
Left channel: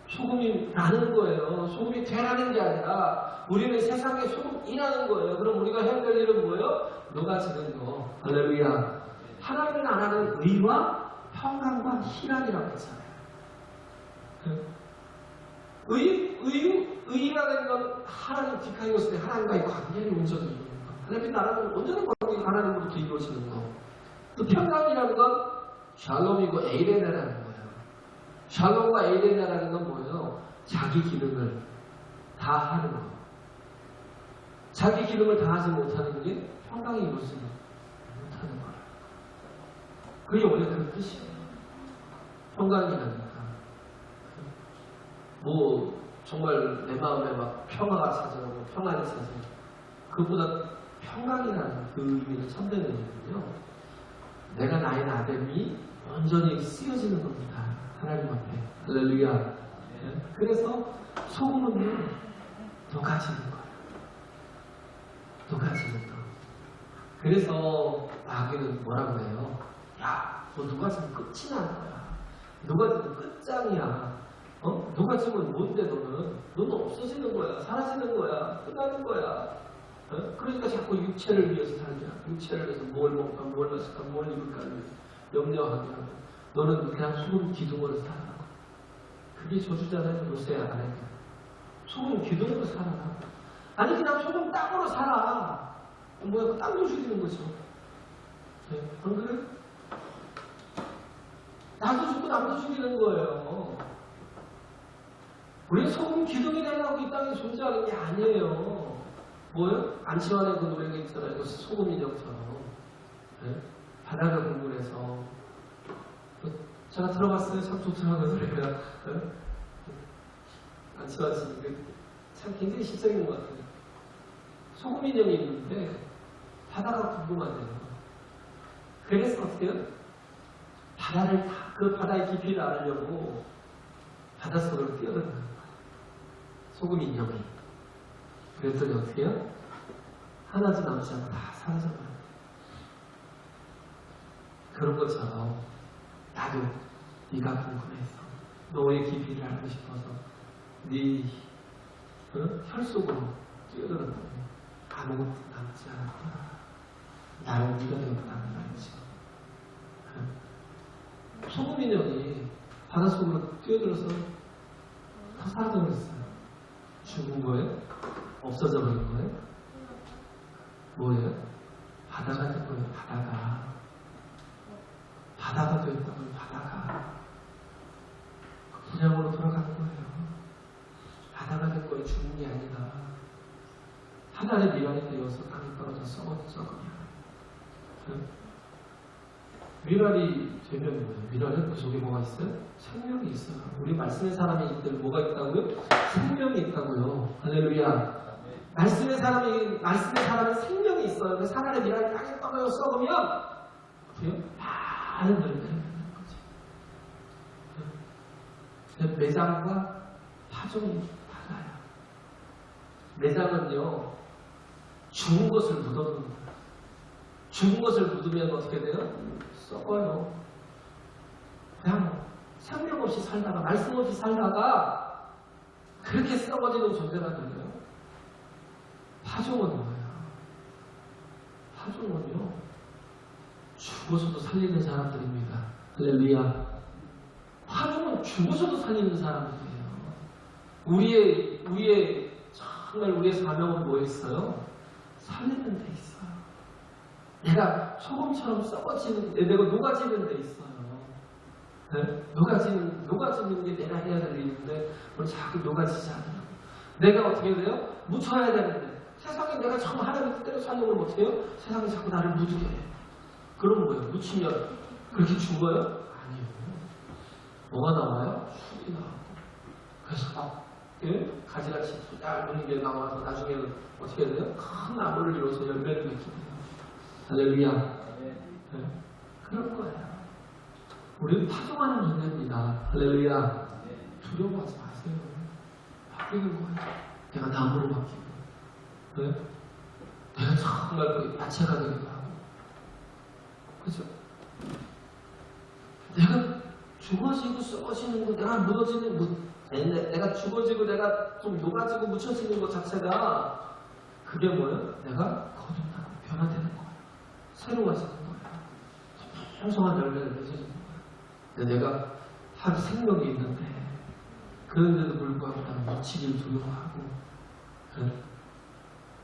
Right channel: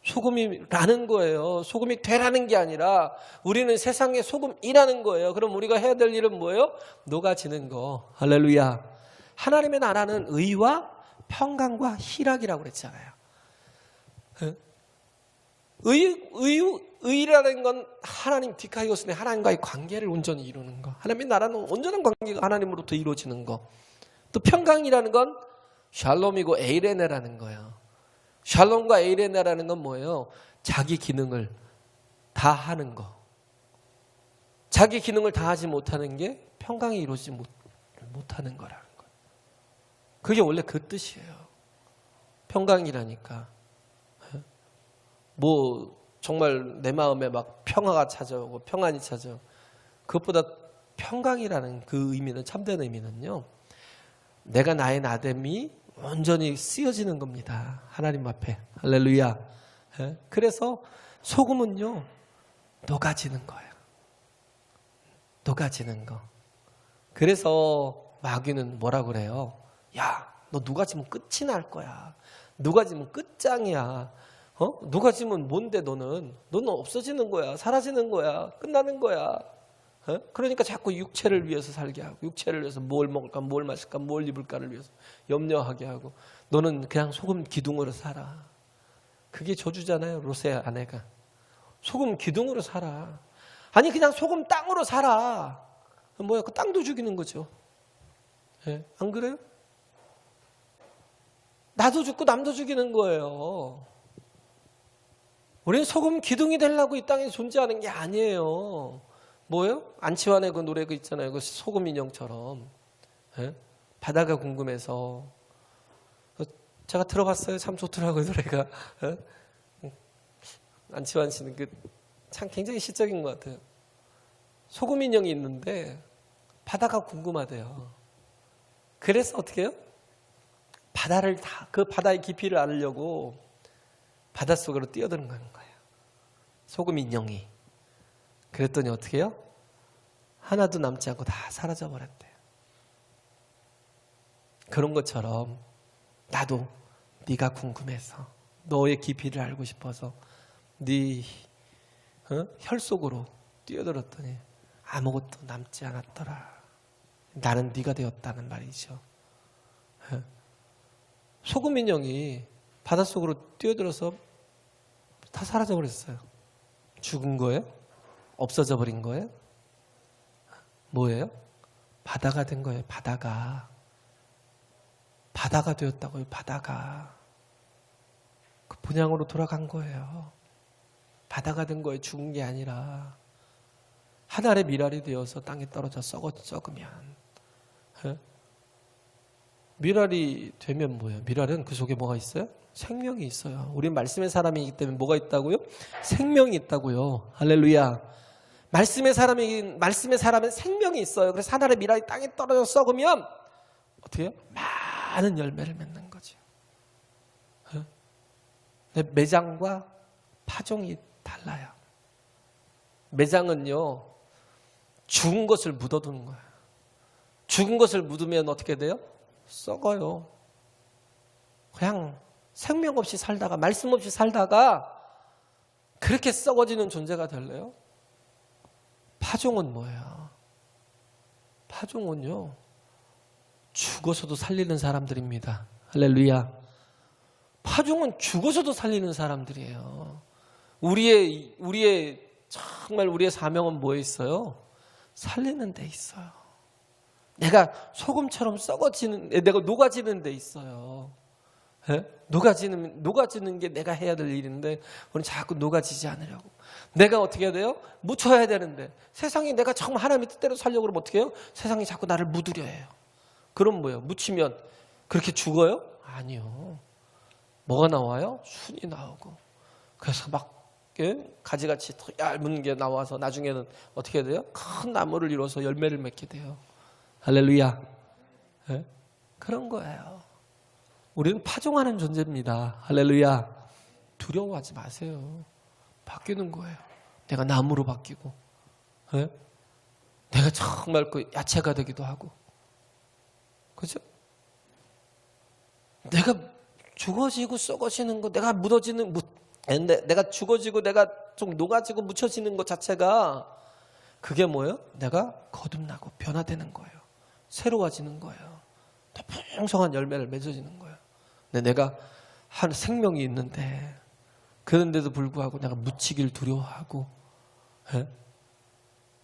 소금이라는 거예요. 소금이 되라는 게 아니라 우리는 세상의 소금이라는 거예요. 그럼 우리가 해야 될 일은 뭐예요? 녹아지는 거. 할렐루야. 하나님의 나라는 의와 평강과 희락이라고 했잖아요. 의라는 건 하나님 디카이오스네 하나님과의 관계를 온전히 이루는 거. 하나님의 나라는 온전한 관계가 하나님으로부터 이루어지는 거. 또 평강이라는 건 샬롬이고 에이레네라는 거예요. 샬롬과 에이레네라는 건 뭐예요? 자기 기능을 다 하는 거. 자기 기능을 다 하지 못하는 게 평강이 이루어지지 못하는 거라는 거. 그게 원래 그 뜻이에요. 평강이라니까. 뭐 정말 내 마음에 막 평화가 찾아오고 평안이 찾아오고 그것보다 평강이라는 그 의미는 참된 의미는요. 내가 나의 나됨이 온전히 쓰여지는 겁니다. 하나님 앞에. 할렐루야. 그래서 소금은요, 녹아지는 거예요. 녹아지는 거. 그래서 마귀는 뭐라 그래요? 야, 너 녹아지면 끝이 날 거야. 녹아지면 끝장이야. 녹아지면 뭔데 너는? 너는 없어지는 거야. 사라지는 거야. 끝나는 거야. 그러니까 자꾸 육체를 위해서 살게 하고, 육체를 위해서 뭘 먹을까, 뭘 마실까, 뭘 입을까를 위해서 염려하게 하고, 너는 그냥 소금 기둥으로 살아. 그게 저주잖아요. 롯의 아내가 소금 기둥으로 살아. 아니 그냥 소금 땅으로 살아. 뭐야, 그 땅도 죽이는 거죠. 예? 안 그래요? 나도 죽고 남도 죽이는 거예요. 우리는 소금 기둥이 되려고 이 땅에 존재하는 게 아니에요. 뭐예요? 안치환의 그 노래 그 있잖아요. 그것이 소금 인형처럼. 예? 바다가 궁금해서. 제가 들어봤어요. 참 좋더라고요, 노래가. 예? 안치환 씨는 참 굉장히 시적인 것 같아요. 소금 인형이 있는데 바다가 궁금하대요. 그래서 어떻게 해요? 바다를 그 바다의 깊이를 알으려고 바닷속으로 뛰어들어가는 거예요. 소금 인형이. 그랬더니 어떻게 해요? 하나도 남지 않고 다 사라져 버렸대요. 그런 것처럼 나도 네가 궁금해서 너의 깊이를 알고 싶어서 네 혈 속으로 뛰어들었더니 아무것도 남지 않았더라. 나는 네가 되었다는 말이죠. 소금 인형이 바닷속으로 뛰어들어서 다 사라져 버렸어요. 죽은 거예요? 없어져 버린 거예요? 뭐예요? 바다가 된 거예요. 바다가 되었다고요. 바다가 그 본향으로 돌아간 거예요. 바다가 된 거예요. 죽은 게 아니라 하늘의 미랄이 되어서 땅에 떨어져 썩으면. 미랄이 되면 뭐예요? 미랄은 그 속에 뭐가 있어요? 생명이 있어요. 우리 말씀의 사람이기 때문에 뭐가 있다고요? 생명이 있다고요. 할렐루야. 말씀의 사람에 생명이 있어요. 그래서 하늘의 미랄이 땅에 떨어져 썩으면 어떻게 해요? 많은 열매를 맺는 거죠. 매장과 파종이 달라요. 매장은요, 죽은 것을 묻어두는 거예요. 죽은 것을 묻으면 어떻게 돼요? 썩어요. 그냥 생명 없이 살다가, 말씀 없이 살다가 그렇게 썩어지는 존재가 될래요? 파종은 뭐예요? 파종은요, 죽어서도 살리는 사람들입니다. 할렐루야. 파종은 죽어서도 살리는 사람들이에요. 정말 우리의 사명은 뭐에 있어요? 살리는 데 있어요. 내가 소금처럼 내가 녹아지는 데 있어요. 녹아지는 게 내가 해야 될 일인데, 우리는 자꾸 녹아지지 않아요. 내가 어떻게 해야 돼요? 묻혀야 되는데, 세상에 내가 정말 하나님의 뜻대로 살려고 그러면 어떻게 해요? 세상이 자꾸 나를 묻으려 해요. 그럼 뭐예요? 묻히면 그렇게 죽어요? 아니요. 뭐가 나와요? 순이 나오고. 그래서 막 가지같이 얇은 게 나와서 나중에는 어떻게 해야 돼요? 큰 나무를 이뤄서 열매를 맺게 돼요. 할렐루야. 네? 그런 거예요. 우리는 파종하는 존재입니다. 할렐루야. 두려워하지 마세요. 바뀌는 거예요. 내가 나무로 바뀌고, 네? 내가 정말 그 야채가 되기도 하고, 그렇죠? 내가 죽어지고 썩어지는 거, 내가 내가 죽어지고 내가 좀 녹아지고 묻혀지는 것 자체가 그게 뭐예요? 내가 거듭나고 변화되는 거예요. 새로워지는 거예요. 더 풍성한 열매를 맺어지는 거예요. 근데 내가 한 생명이 있는데, 그런데도 불구하고 내가 묻히길 두려워하고,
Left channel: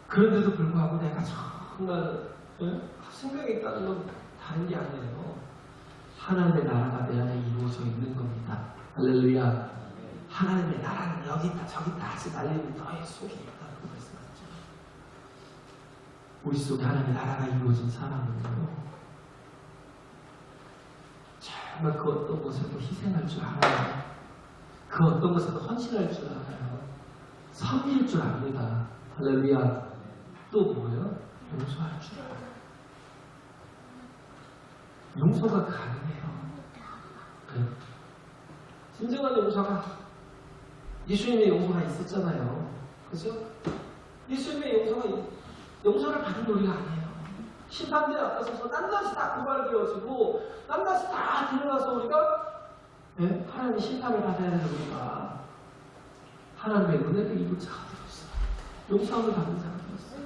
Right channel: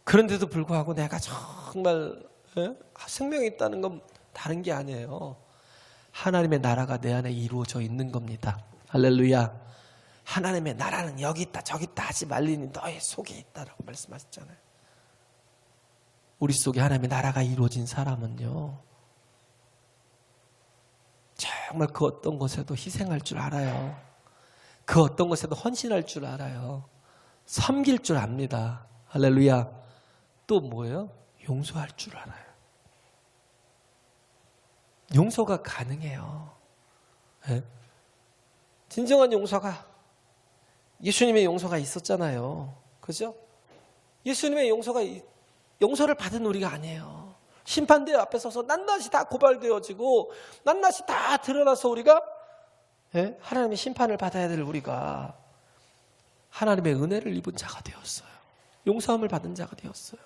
그런데도 불구하고 내가 정말 생명이 있다는 건 다른 게 아니에요. 하나님의 나라가 내 안에 이루어져 있는 겁니다. 할렐루야. 하나님의 나라는 여기 있다 저기 있다 하지 말리는 너의 속에 있다라고 말씀하셨잖아요. 우리 속에 하나님의 나라가 이루어진 사람은요, 정말 그 어떤 것에도 희생할 줄 알아요. 그 어떤 것에도 헌신할 줄 알아요. 섬길 줄 압니다. 할렐루야. 또 뭐예요? 용서할 줄 알아요. 용서가 가능해요. 네? 진정한 용서가 예수님의 용서가 있었잖아요. 그죠? 예수님의 용서를 받은 우리가 아니에요. 심판대 앞에 서서 낱낱이 다 고발되어지고 낱낱이 다 드러나서 우리가 하나님의 심판을 받아야 될 우리가 하나님의 은혜를 입은 자가 되었어요. 용서함을 받은 자가 되었어요.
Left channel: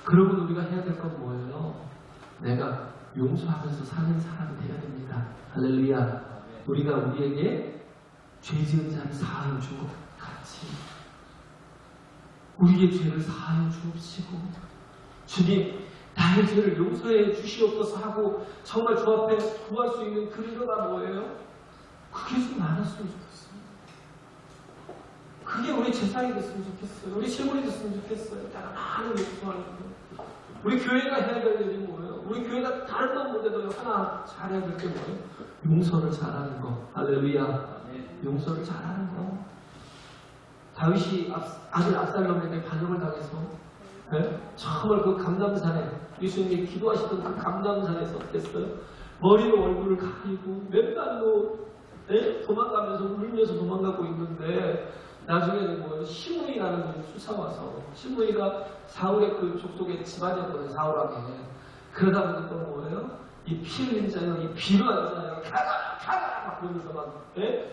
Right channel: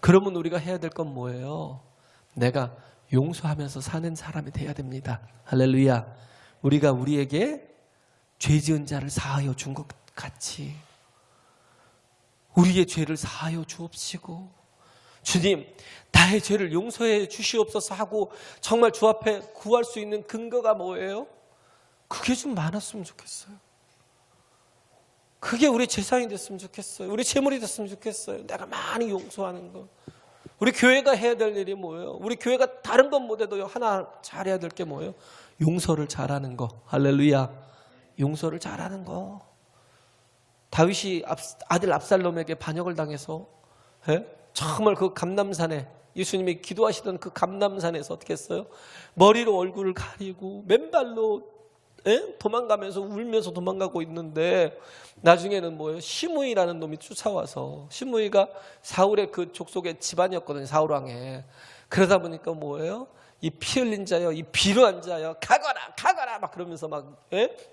그러면 우리가 해야 될 건 뭐예요? 내가 용서하면서 사는 사람이 되어야 됩니다. 할렐루야. 우리가 우리에게 죄 지은 자를 사하여 준 것 같이 우리의 죄를 사하여 주옵시고, 주님 나의 죄를 용서해 주시옵소서 하고 정말 주 앞에 구할 수 있는 근거가 뭐예요? 그게 좀 많았으면 좋겠어요. 그게 우리 재산이 됐으면 좋겠어요. 우리 재물이 됐으면 좋겠어요. 내가 많이 용서하는 거. 우리 교회가 해야 될 일이 뭐예요? 우리 교회가 다른 건 못해도 하나 잘해야 될 게 뭐예요? 용서를 잘하는 거. 할렐루야. 용서를 잘하는 거. 다윗이 아들 압살롬에게 반역을 당해서 정말 그 감람산에 예수님이 기도하시던 그 감람산에서 어떻게 했어요? 머리로 얼굴을 가리고 맨발로 도망가면서 울면서 도망가고 있는데 나중에는 뭐예요? 시므이라는 놈이 쫓아와서, 시므이가 사울의 그 족속의 집안이었거든요. 사울왕에. 그러다 보니까 뭐예요? 이 피 흘린 자여, 이 비루한 자여, 가거라 가거라 막 그러면서 막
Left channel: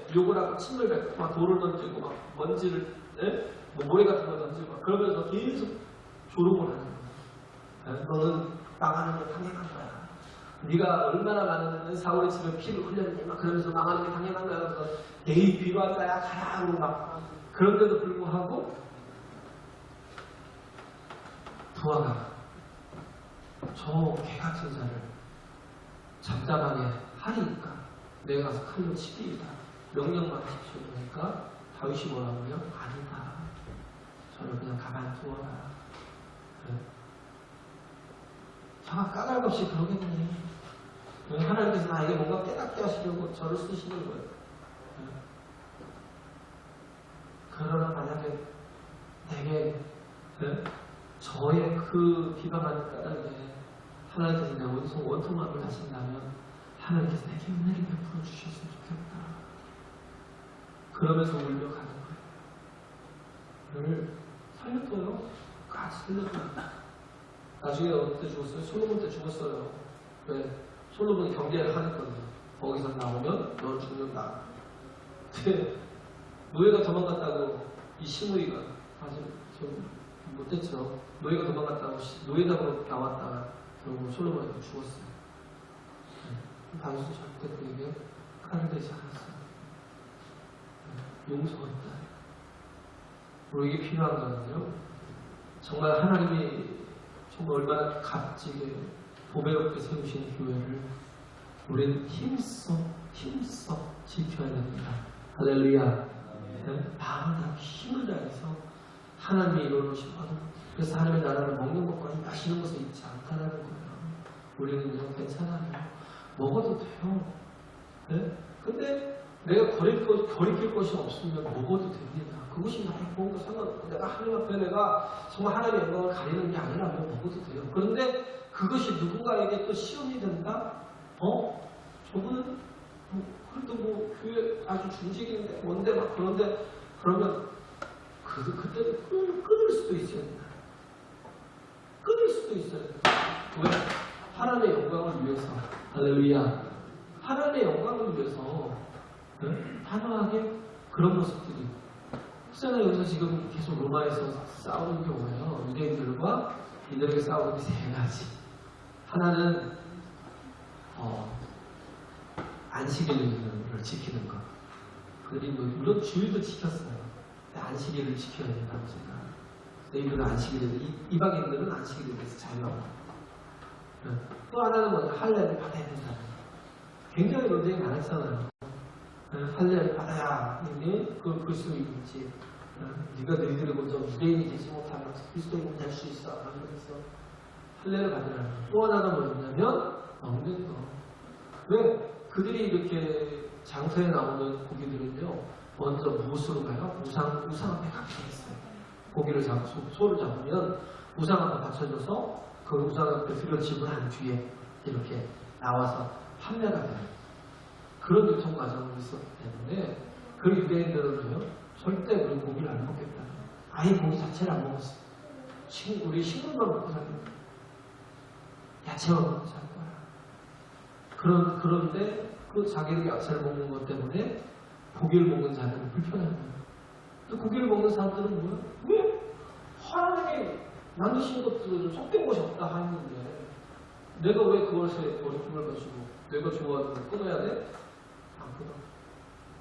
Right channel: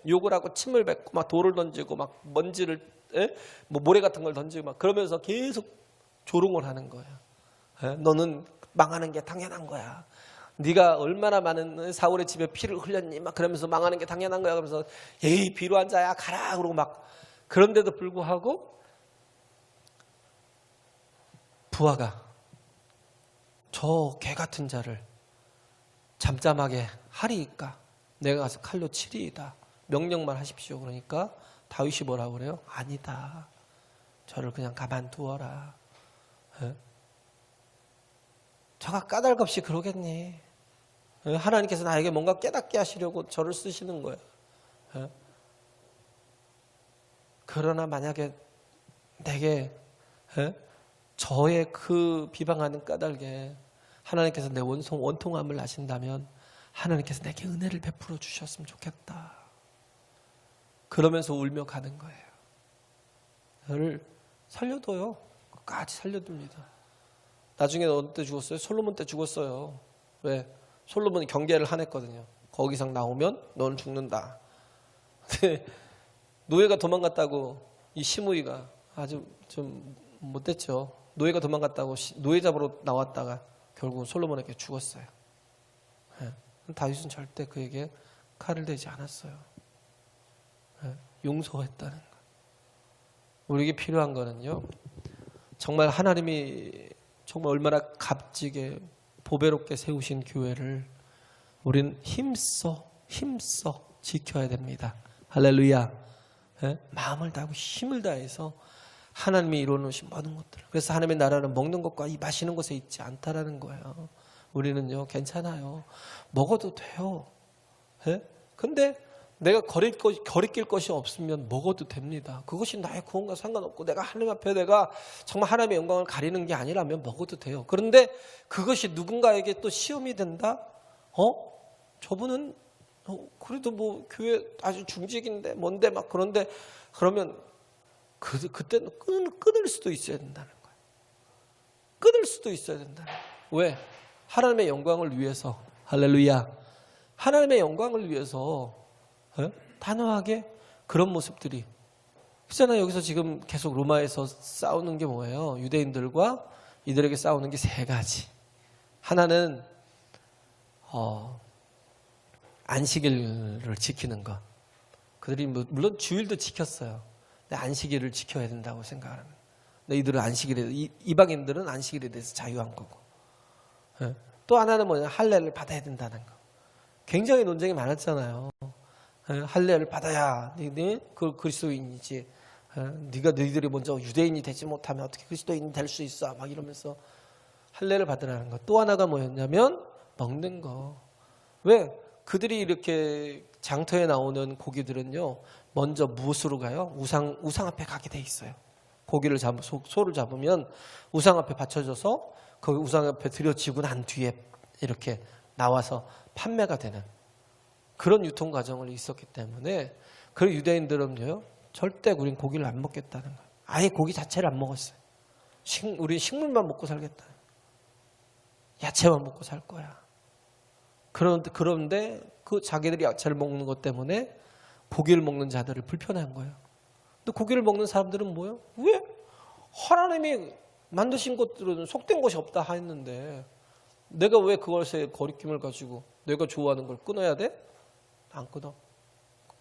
욕을 하고 침을 뱉고 막 돌을 던지고 막 먼지를 뭐 모래 같은 걸 던지고 막 그러면서 계속 조롱을 하는 거예요. 너는 망하는 게 당연한 거야. 네가 얼마나 많은 사울의 집에 피를 흘렸니? 막 그러면서 망하는 게 당연한 거야. 그러면서 에이 비루한 자야 가라 그러고 막. 그런데도 불구하고 부하가 저 개 같은 자를 잠잠하게 하리니까 내가 가서 칼로 치리이다. 명령만 하십시오. 그러니까 다윗이 뭐라고 그래요? 아니다. 저를 그냥 가만두어라. 저가 까닭없이 그러겠니? 하나님께서 나에게 뭔가 깨닫게 하시려고 저를 쓰시는 거예요. 그러나 만약에 내게 저의 그 비방하는 까닭에 하나님께서 내 원통함을 아신다면 하나님께서 내게 은혜를 베풀어 주셨으면 좋겠다. 그러면서 울며 가는 거예요. 너를 살려둬요. 끝까지 살려둡니다. 나중에 어느 때 죽었어요? 솔로몬 때 죽었어요. 왜? 솔로몬이 경계를 하냈거든요. 거기서 나오면 넌 죽는다. 노예가 도망갔다고 이 시므이가 아주 좀 못됐죠. 노예가 도망갔다고 노예 잡으러 나왔다가 결국 솔로몬에게 죽었어요. 다윗은 절대 그에게 칼을 대지 않았어요. 용서했다. 우리에게 필요한 거는요, 정말 하나님이 정말 얼마나 값지게 보배롭게 세우신 교회를 우리는 힘써 지켜야 됩니다. 할렐루야. 마음을 다하고 힘을 다해서 하나님이 이루어놓으신 모든 것들. 그래서 하나님의 나라는 먹는 것과 이 마시는 것에 있지 않다라는 거예요. 우리는요 괜찮아요. 먹어도 돼요. 근데 내가 거리낄 것이 없으면 먹어도 됩니다. 그것이 나의 구원과 상관없고 내가 하나님 앞에 내가 정말 하나님의 영광을 가리는 게 아니라면 먹어도 돼요. 그런데 그것이 누군가에게 또 시험이 된다? 저분은 그래도 뭐 교회 아주 중직인데 뭔데 막 그런데 그러면 그때는 끊을 수도 있어야 된다. 끊을 수도 있어야 된다. 왜? 하나님의 영광을 위해서. 할렐루야. 하나님의 영광을 위해서 단호하게 그런 모습들이 그렇잖아요. 여기서 지금 계속 로마에서 싸우는 게 뭐예요? 유대인들과 이들에게 싸우는 게 세 가지. 하나는 안식일을 지키는 것. 그들이 물론 주일도 지켰어요. 근데 안식일을 지켜야 된다고 생각합니다. 이들은 안식일에 이방인들은 안식일에 대해서 자유한 거고. 또 하나는 뭐냐? 할례를 받아야 된다는 거. 굉장히 논쟁이 많았잖아요. 할례를 받아야 그 그리스도인이지. 너희들이 먼저 유대인이 되지 못하면 어떻게 그리스도인 될 수 있어? 막 이러면서 할례를 받으라는 거. 또 하나가 뭐였냐면 먹는 거. 왜? 그들이 이렇게 장터에 나오는 고기들은요, 먼저 무엇으로 가요? 우상 앞에 가게 돼 있어요. 고기를 소를 잡으면 우상 앞에 받쳐져서 그 우상 앞에 들여지고 난 뒤에 이렇게 나와서 판매가 되는 그런 유통 과정이 있었기 때문에 그 유대인들은요, 절대 우리 고기를 안 먹겠다는 거예요. 아예 고기 자체를 안 먹었어요. 우리 식물만 먹고 살겠다. 야채만 먹고 살 거야. 그런데 그 자기들이 야채를 먹는 것 때문에 고기를 먹는 자들을 불편한 거예요. 또 고기를 먹는 사람들은 뭐예요? 왜? 하나님이 만드신 것들은 속된 것이 없다 하였는데 내가 왜 그것에 거리낌을 가지고 내가 좋아하는 걸 끊어야 돼? 안 끊어.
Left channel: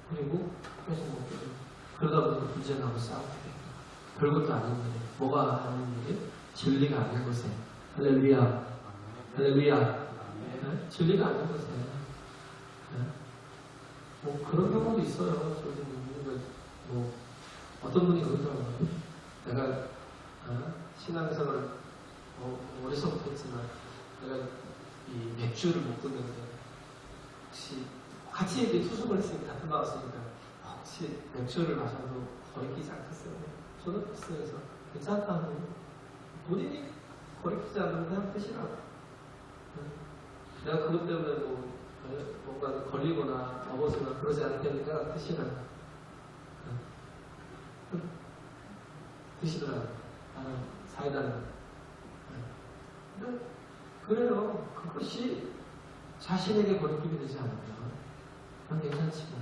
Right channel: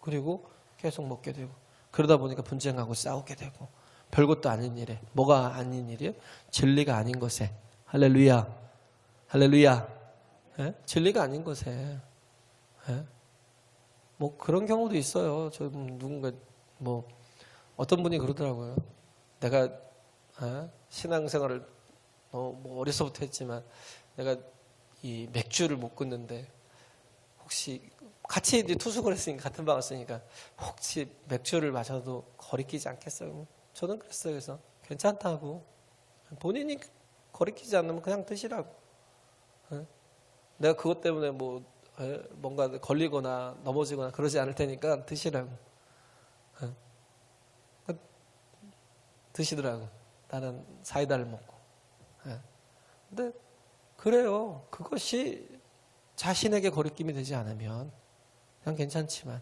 그리고 계속 먹게 돼요. 그러다 보니까 분쟁하고 싸우게 되고 별것도 아닌 일에 뭐가 아닌 일이에요? 진리가 아닌 것에 할렐루야 할렐루야 진리가 아닌 것에 뭐 그런 경우도 있어요. 저 누군가 뭐 어떤 분이 그러더라고요. 내가 신앙생활을 어려서부터 했지만 내가 이 맥주를 못 끊는데 혹시 같이 이제 투숙을 했으니까 같은 방을 쓰니까 혹시 맥주를 마셔도 거리끼지 않겠어요? 저는 그랬어요. 그래서 괜찮다고 본인이 거리끼지 않으면 그냥 드시라고. 내가 그것 때문에 뭔가 걸리거나 넘어지거나 그러지 않을 테니까 드시라고. 드시더라고. 나는 사이다를 먹고. 근데 그래요. 그것이 자신에게 거리낌이 되지 않으면 그냥 괜찮지만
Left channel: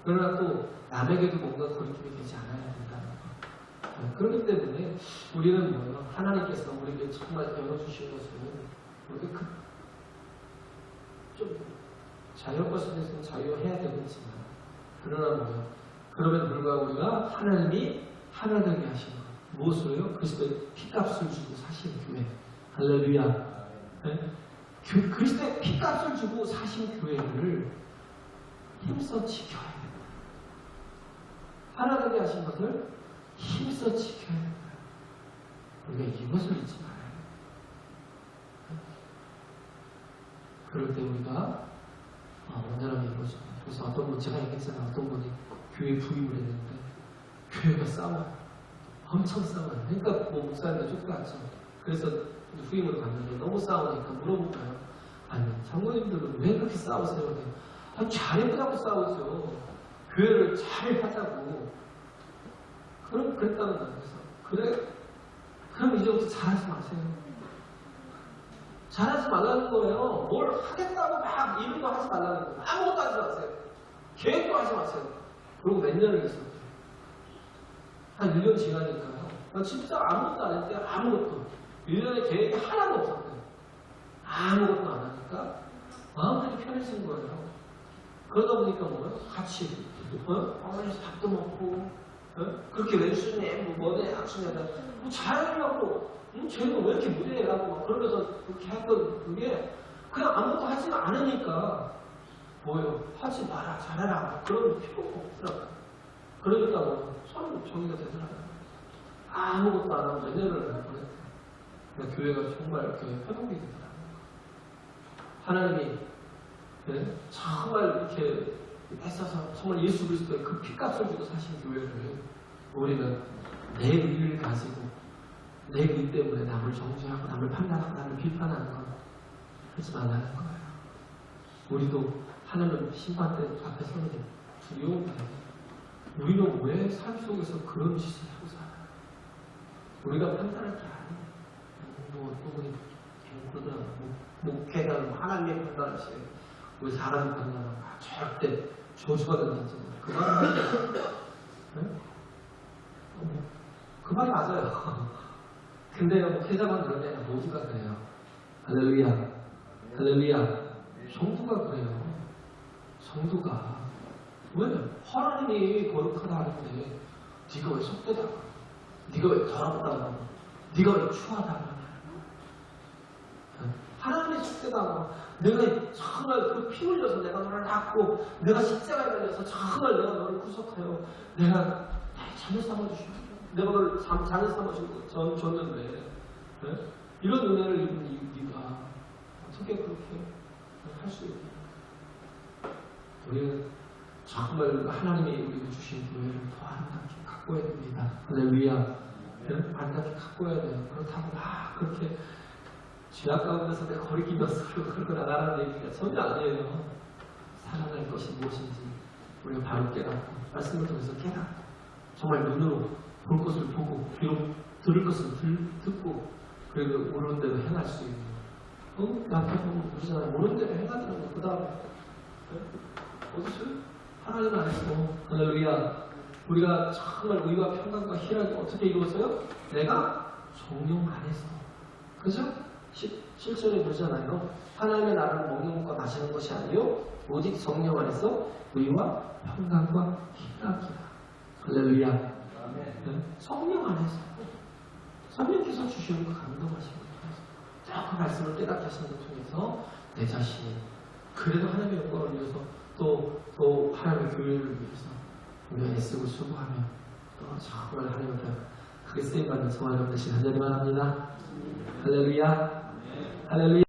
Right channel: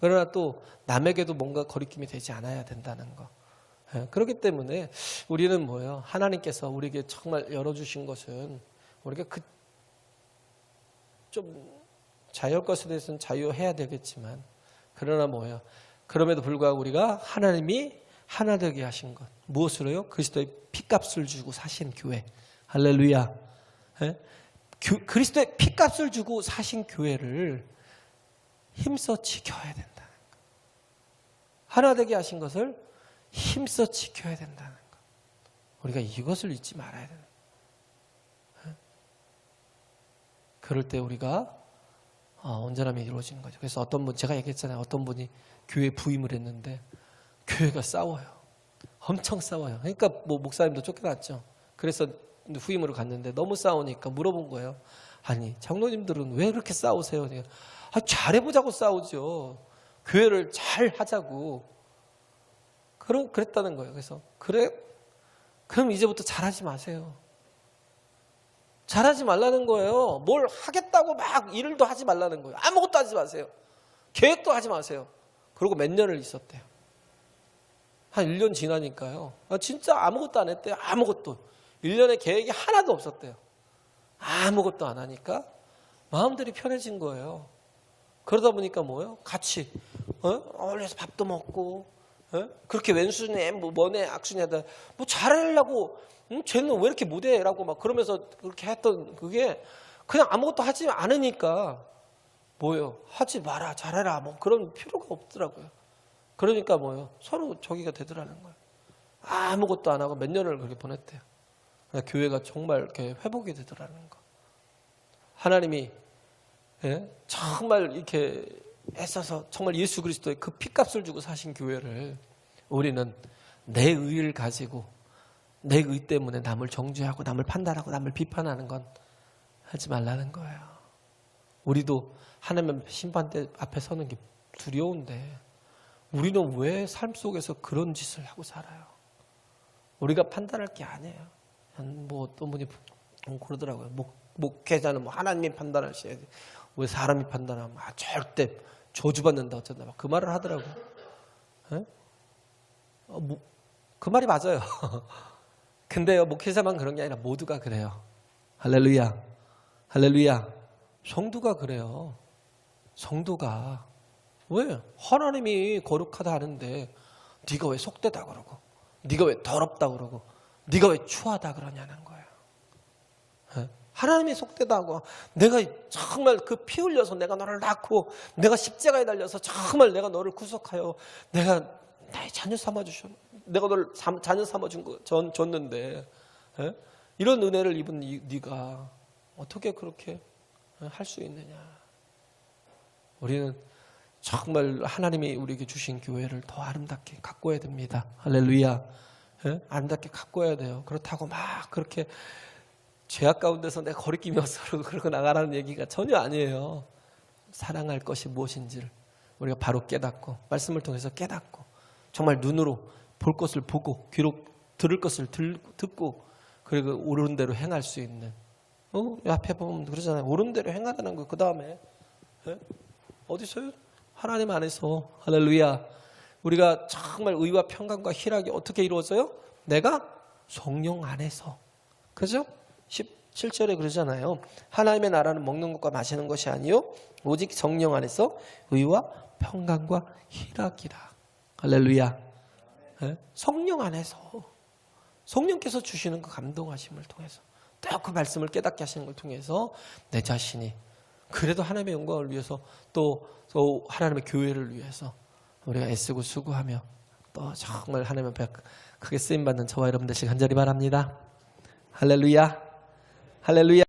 그러나 또 남에게도 뭔가 거리낌이 되지 않아야 된다는 거. 그렇기 때문에 우리는 뭐예요? 하나님께서 우리에게 정말 열어주신 것은 우리가 좀 자유할 것에 대해서는 자유해야 되겠지만 그러나 뭐예요? 그럼에도 불구하고 우리가 하나님이 하나 되게 하신 것 무엇으로요? 그리스도의 피값을 주고 사신 교회. 할렐루야. 그리스도의 피값을 주고 사신 교회를 힘써 지켜야 된다. 하나 되게 하신 것을 힘써 지켜야 된다. 우리가 이것을 잊지 말아야 된다. 그럴 때 우리가 온전함이 이루어진 거죠. 그래서 어떤 분, 제가 얘기했잖아요. 어떤 분이 교회 부임을 했는데 교회가 싸워요. 엄청 싸워요. 그러니까 뭐 목사님도 쫓겨났죠. 그래서 후임으로 갔는데 너무 싸우니까 물어본 거예요. 아니 장로님들은 왜 이렇게 싸우세요? 잘해보자고 싸우죠. 교회를 잘 하자고. 그랬다는 거예요. 그래서 그럼 이제부터 잘하지 마세요. 잘하지 말라는 거예요. 뭘 하겠다고 막 일도 하지 말라는 거예요. 아무것도 하지 마세요. 계획도 하지 마세요. 그리고 몇 년을 있었대요. 한 1년 지나니까요. 진짜 아무것도 안 했대요. 아무것도. 1년에 계획이 하나도 없었대요. 아무것도 안 하니까 마음들이 편해진 거예요. 그러다 보니까 뭐예요? 같이 어울려서 밥도 먹고 그렇게 왼수네 뭐네 악수네다 뭐 잘하려고 쟤는 왜 이렇게 못해? 라고 막 그러면서 그렇게 했던 그게 그냥 아무것도 하지 않으니까 뭐예요? 하지 마라 잘해라 뭐 그런 필요가 없더라고요. 그러니까 뭐예요? 서로 저기가 되더라고요. 아무것도 안 하고 몇 년을 그렇게 보냈대요. 교회가 정말 이렇게 회복이 되더라고요. 하나님이 정말 이렇게 애써서 정말 예수 그리스도의 그 피값을 주고 사신 교회를 우리는 내 의를 가지고 내 의 때문에 남을 정죄하고 남을 판단하고 남을 비판하는 건 하지 말라는 거예요. 우리도 하나님 심판대 앞에 서는 게 두려운데 우리는 왜 삶 속에서 그런 짓을 하고 살아요? 우리가 판단할 게 아니에요. 뭐 어떤 분이 그러더라고요. 목회자는 뭐 하나님이 판단하셔야 돼. 왜 사람이 판단하면 절대 저주받는다 하잖아요. 그 말을 하는 거예요. 그 말이 맞아요. 근데요, 목회자만 그런 게 아니라 모두가 그래요. 할렐루야. 할렐루야. 성도가 그래요. 성도가. 왜? 하나님이 거룩하다 하는데 네가 왜 속되다 그러고 네가 왜 더럽다 그러고 네가 왜 추하다 그러냐는 거예요. 하나님이 속되다 하고 내가 정말 그 피 흘려서 내가 너를 낳고 내가 십자가에 달려서 정말 내가 너를 구속하여 내가 나의 자녀 삼아주신 내가 너를 자녀 삼아줬는데 이런 은혜를 입은 네가 어떻게 그렇게 할 수 있느냐. 우리는 정말 하나님이 우리에게 주신 교회를 더 아름답게 가꿔야 됩니다. 할렐루야. 아름답게 가꿔야 돼요. 그렇다고 막 그렇게 죄악 가운데서 내가 거리끼면서 그러고 나가라는 얘기가 전혀 아니에요. 사랑할 것이 무엇인지를 우리가 바로 깨닫고 말씀을 통해서 깨닫고 정말 눈으로 볼 것을 보고 귀로 들을 것을 듣고 그리고 옳은 대로 행할 수 있는 앞에 보면 그러잖아요. 옳은 대로 행하라는 거. 그 다음에 어디서요? 하나님 안에서. 할렐루야. 우리가 정말 의와 평강과 희락이 어떻게 이루어져요? 내가 성령 안에서. 그죠? 17절에 그러잖아요. 하나님의 나라는 먹는 것과 마시는 것이 아니요 오직 성령 안에서 의와 평강과 희락이라. 할렐루야. 성령 안에서 성령께서 주시는 그 감동하심을 통해서 또 그 말씀을 깨닫게 하시는 걸 통해서 내 자신이 그래도 하나님의 영광을 위해서 또 하나님의 교회를 위해서 우리가 애쓰고 수고하며 또 정말 하나님 앞에 크게 쓰임받는 저와 여러분 되시길 간절히 바랍니다. 할렐루야. 할렐루야.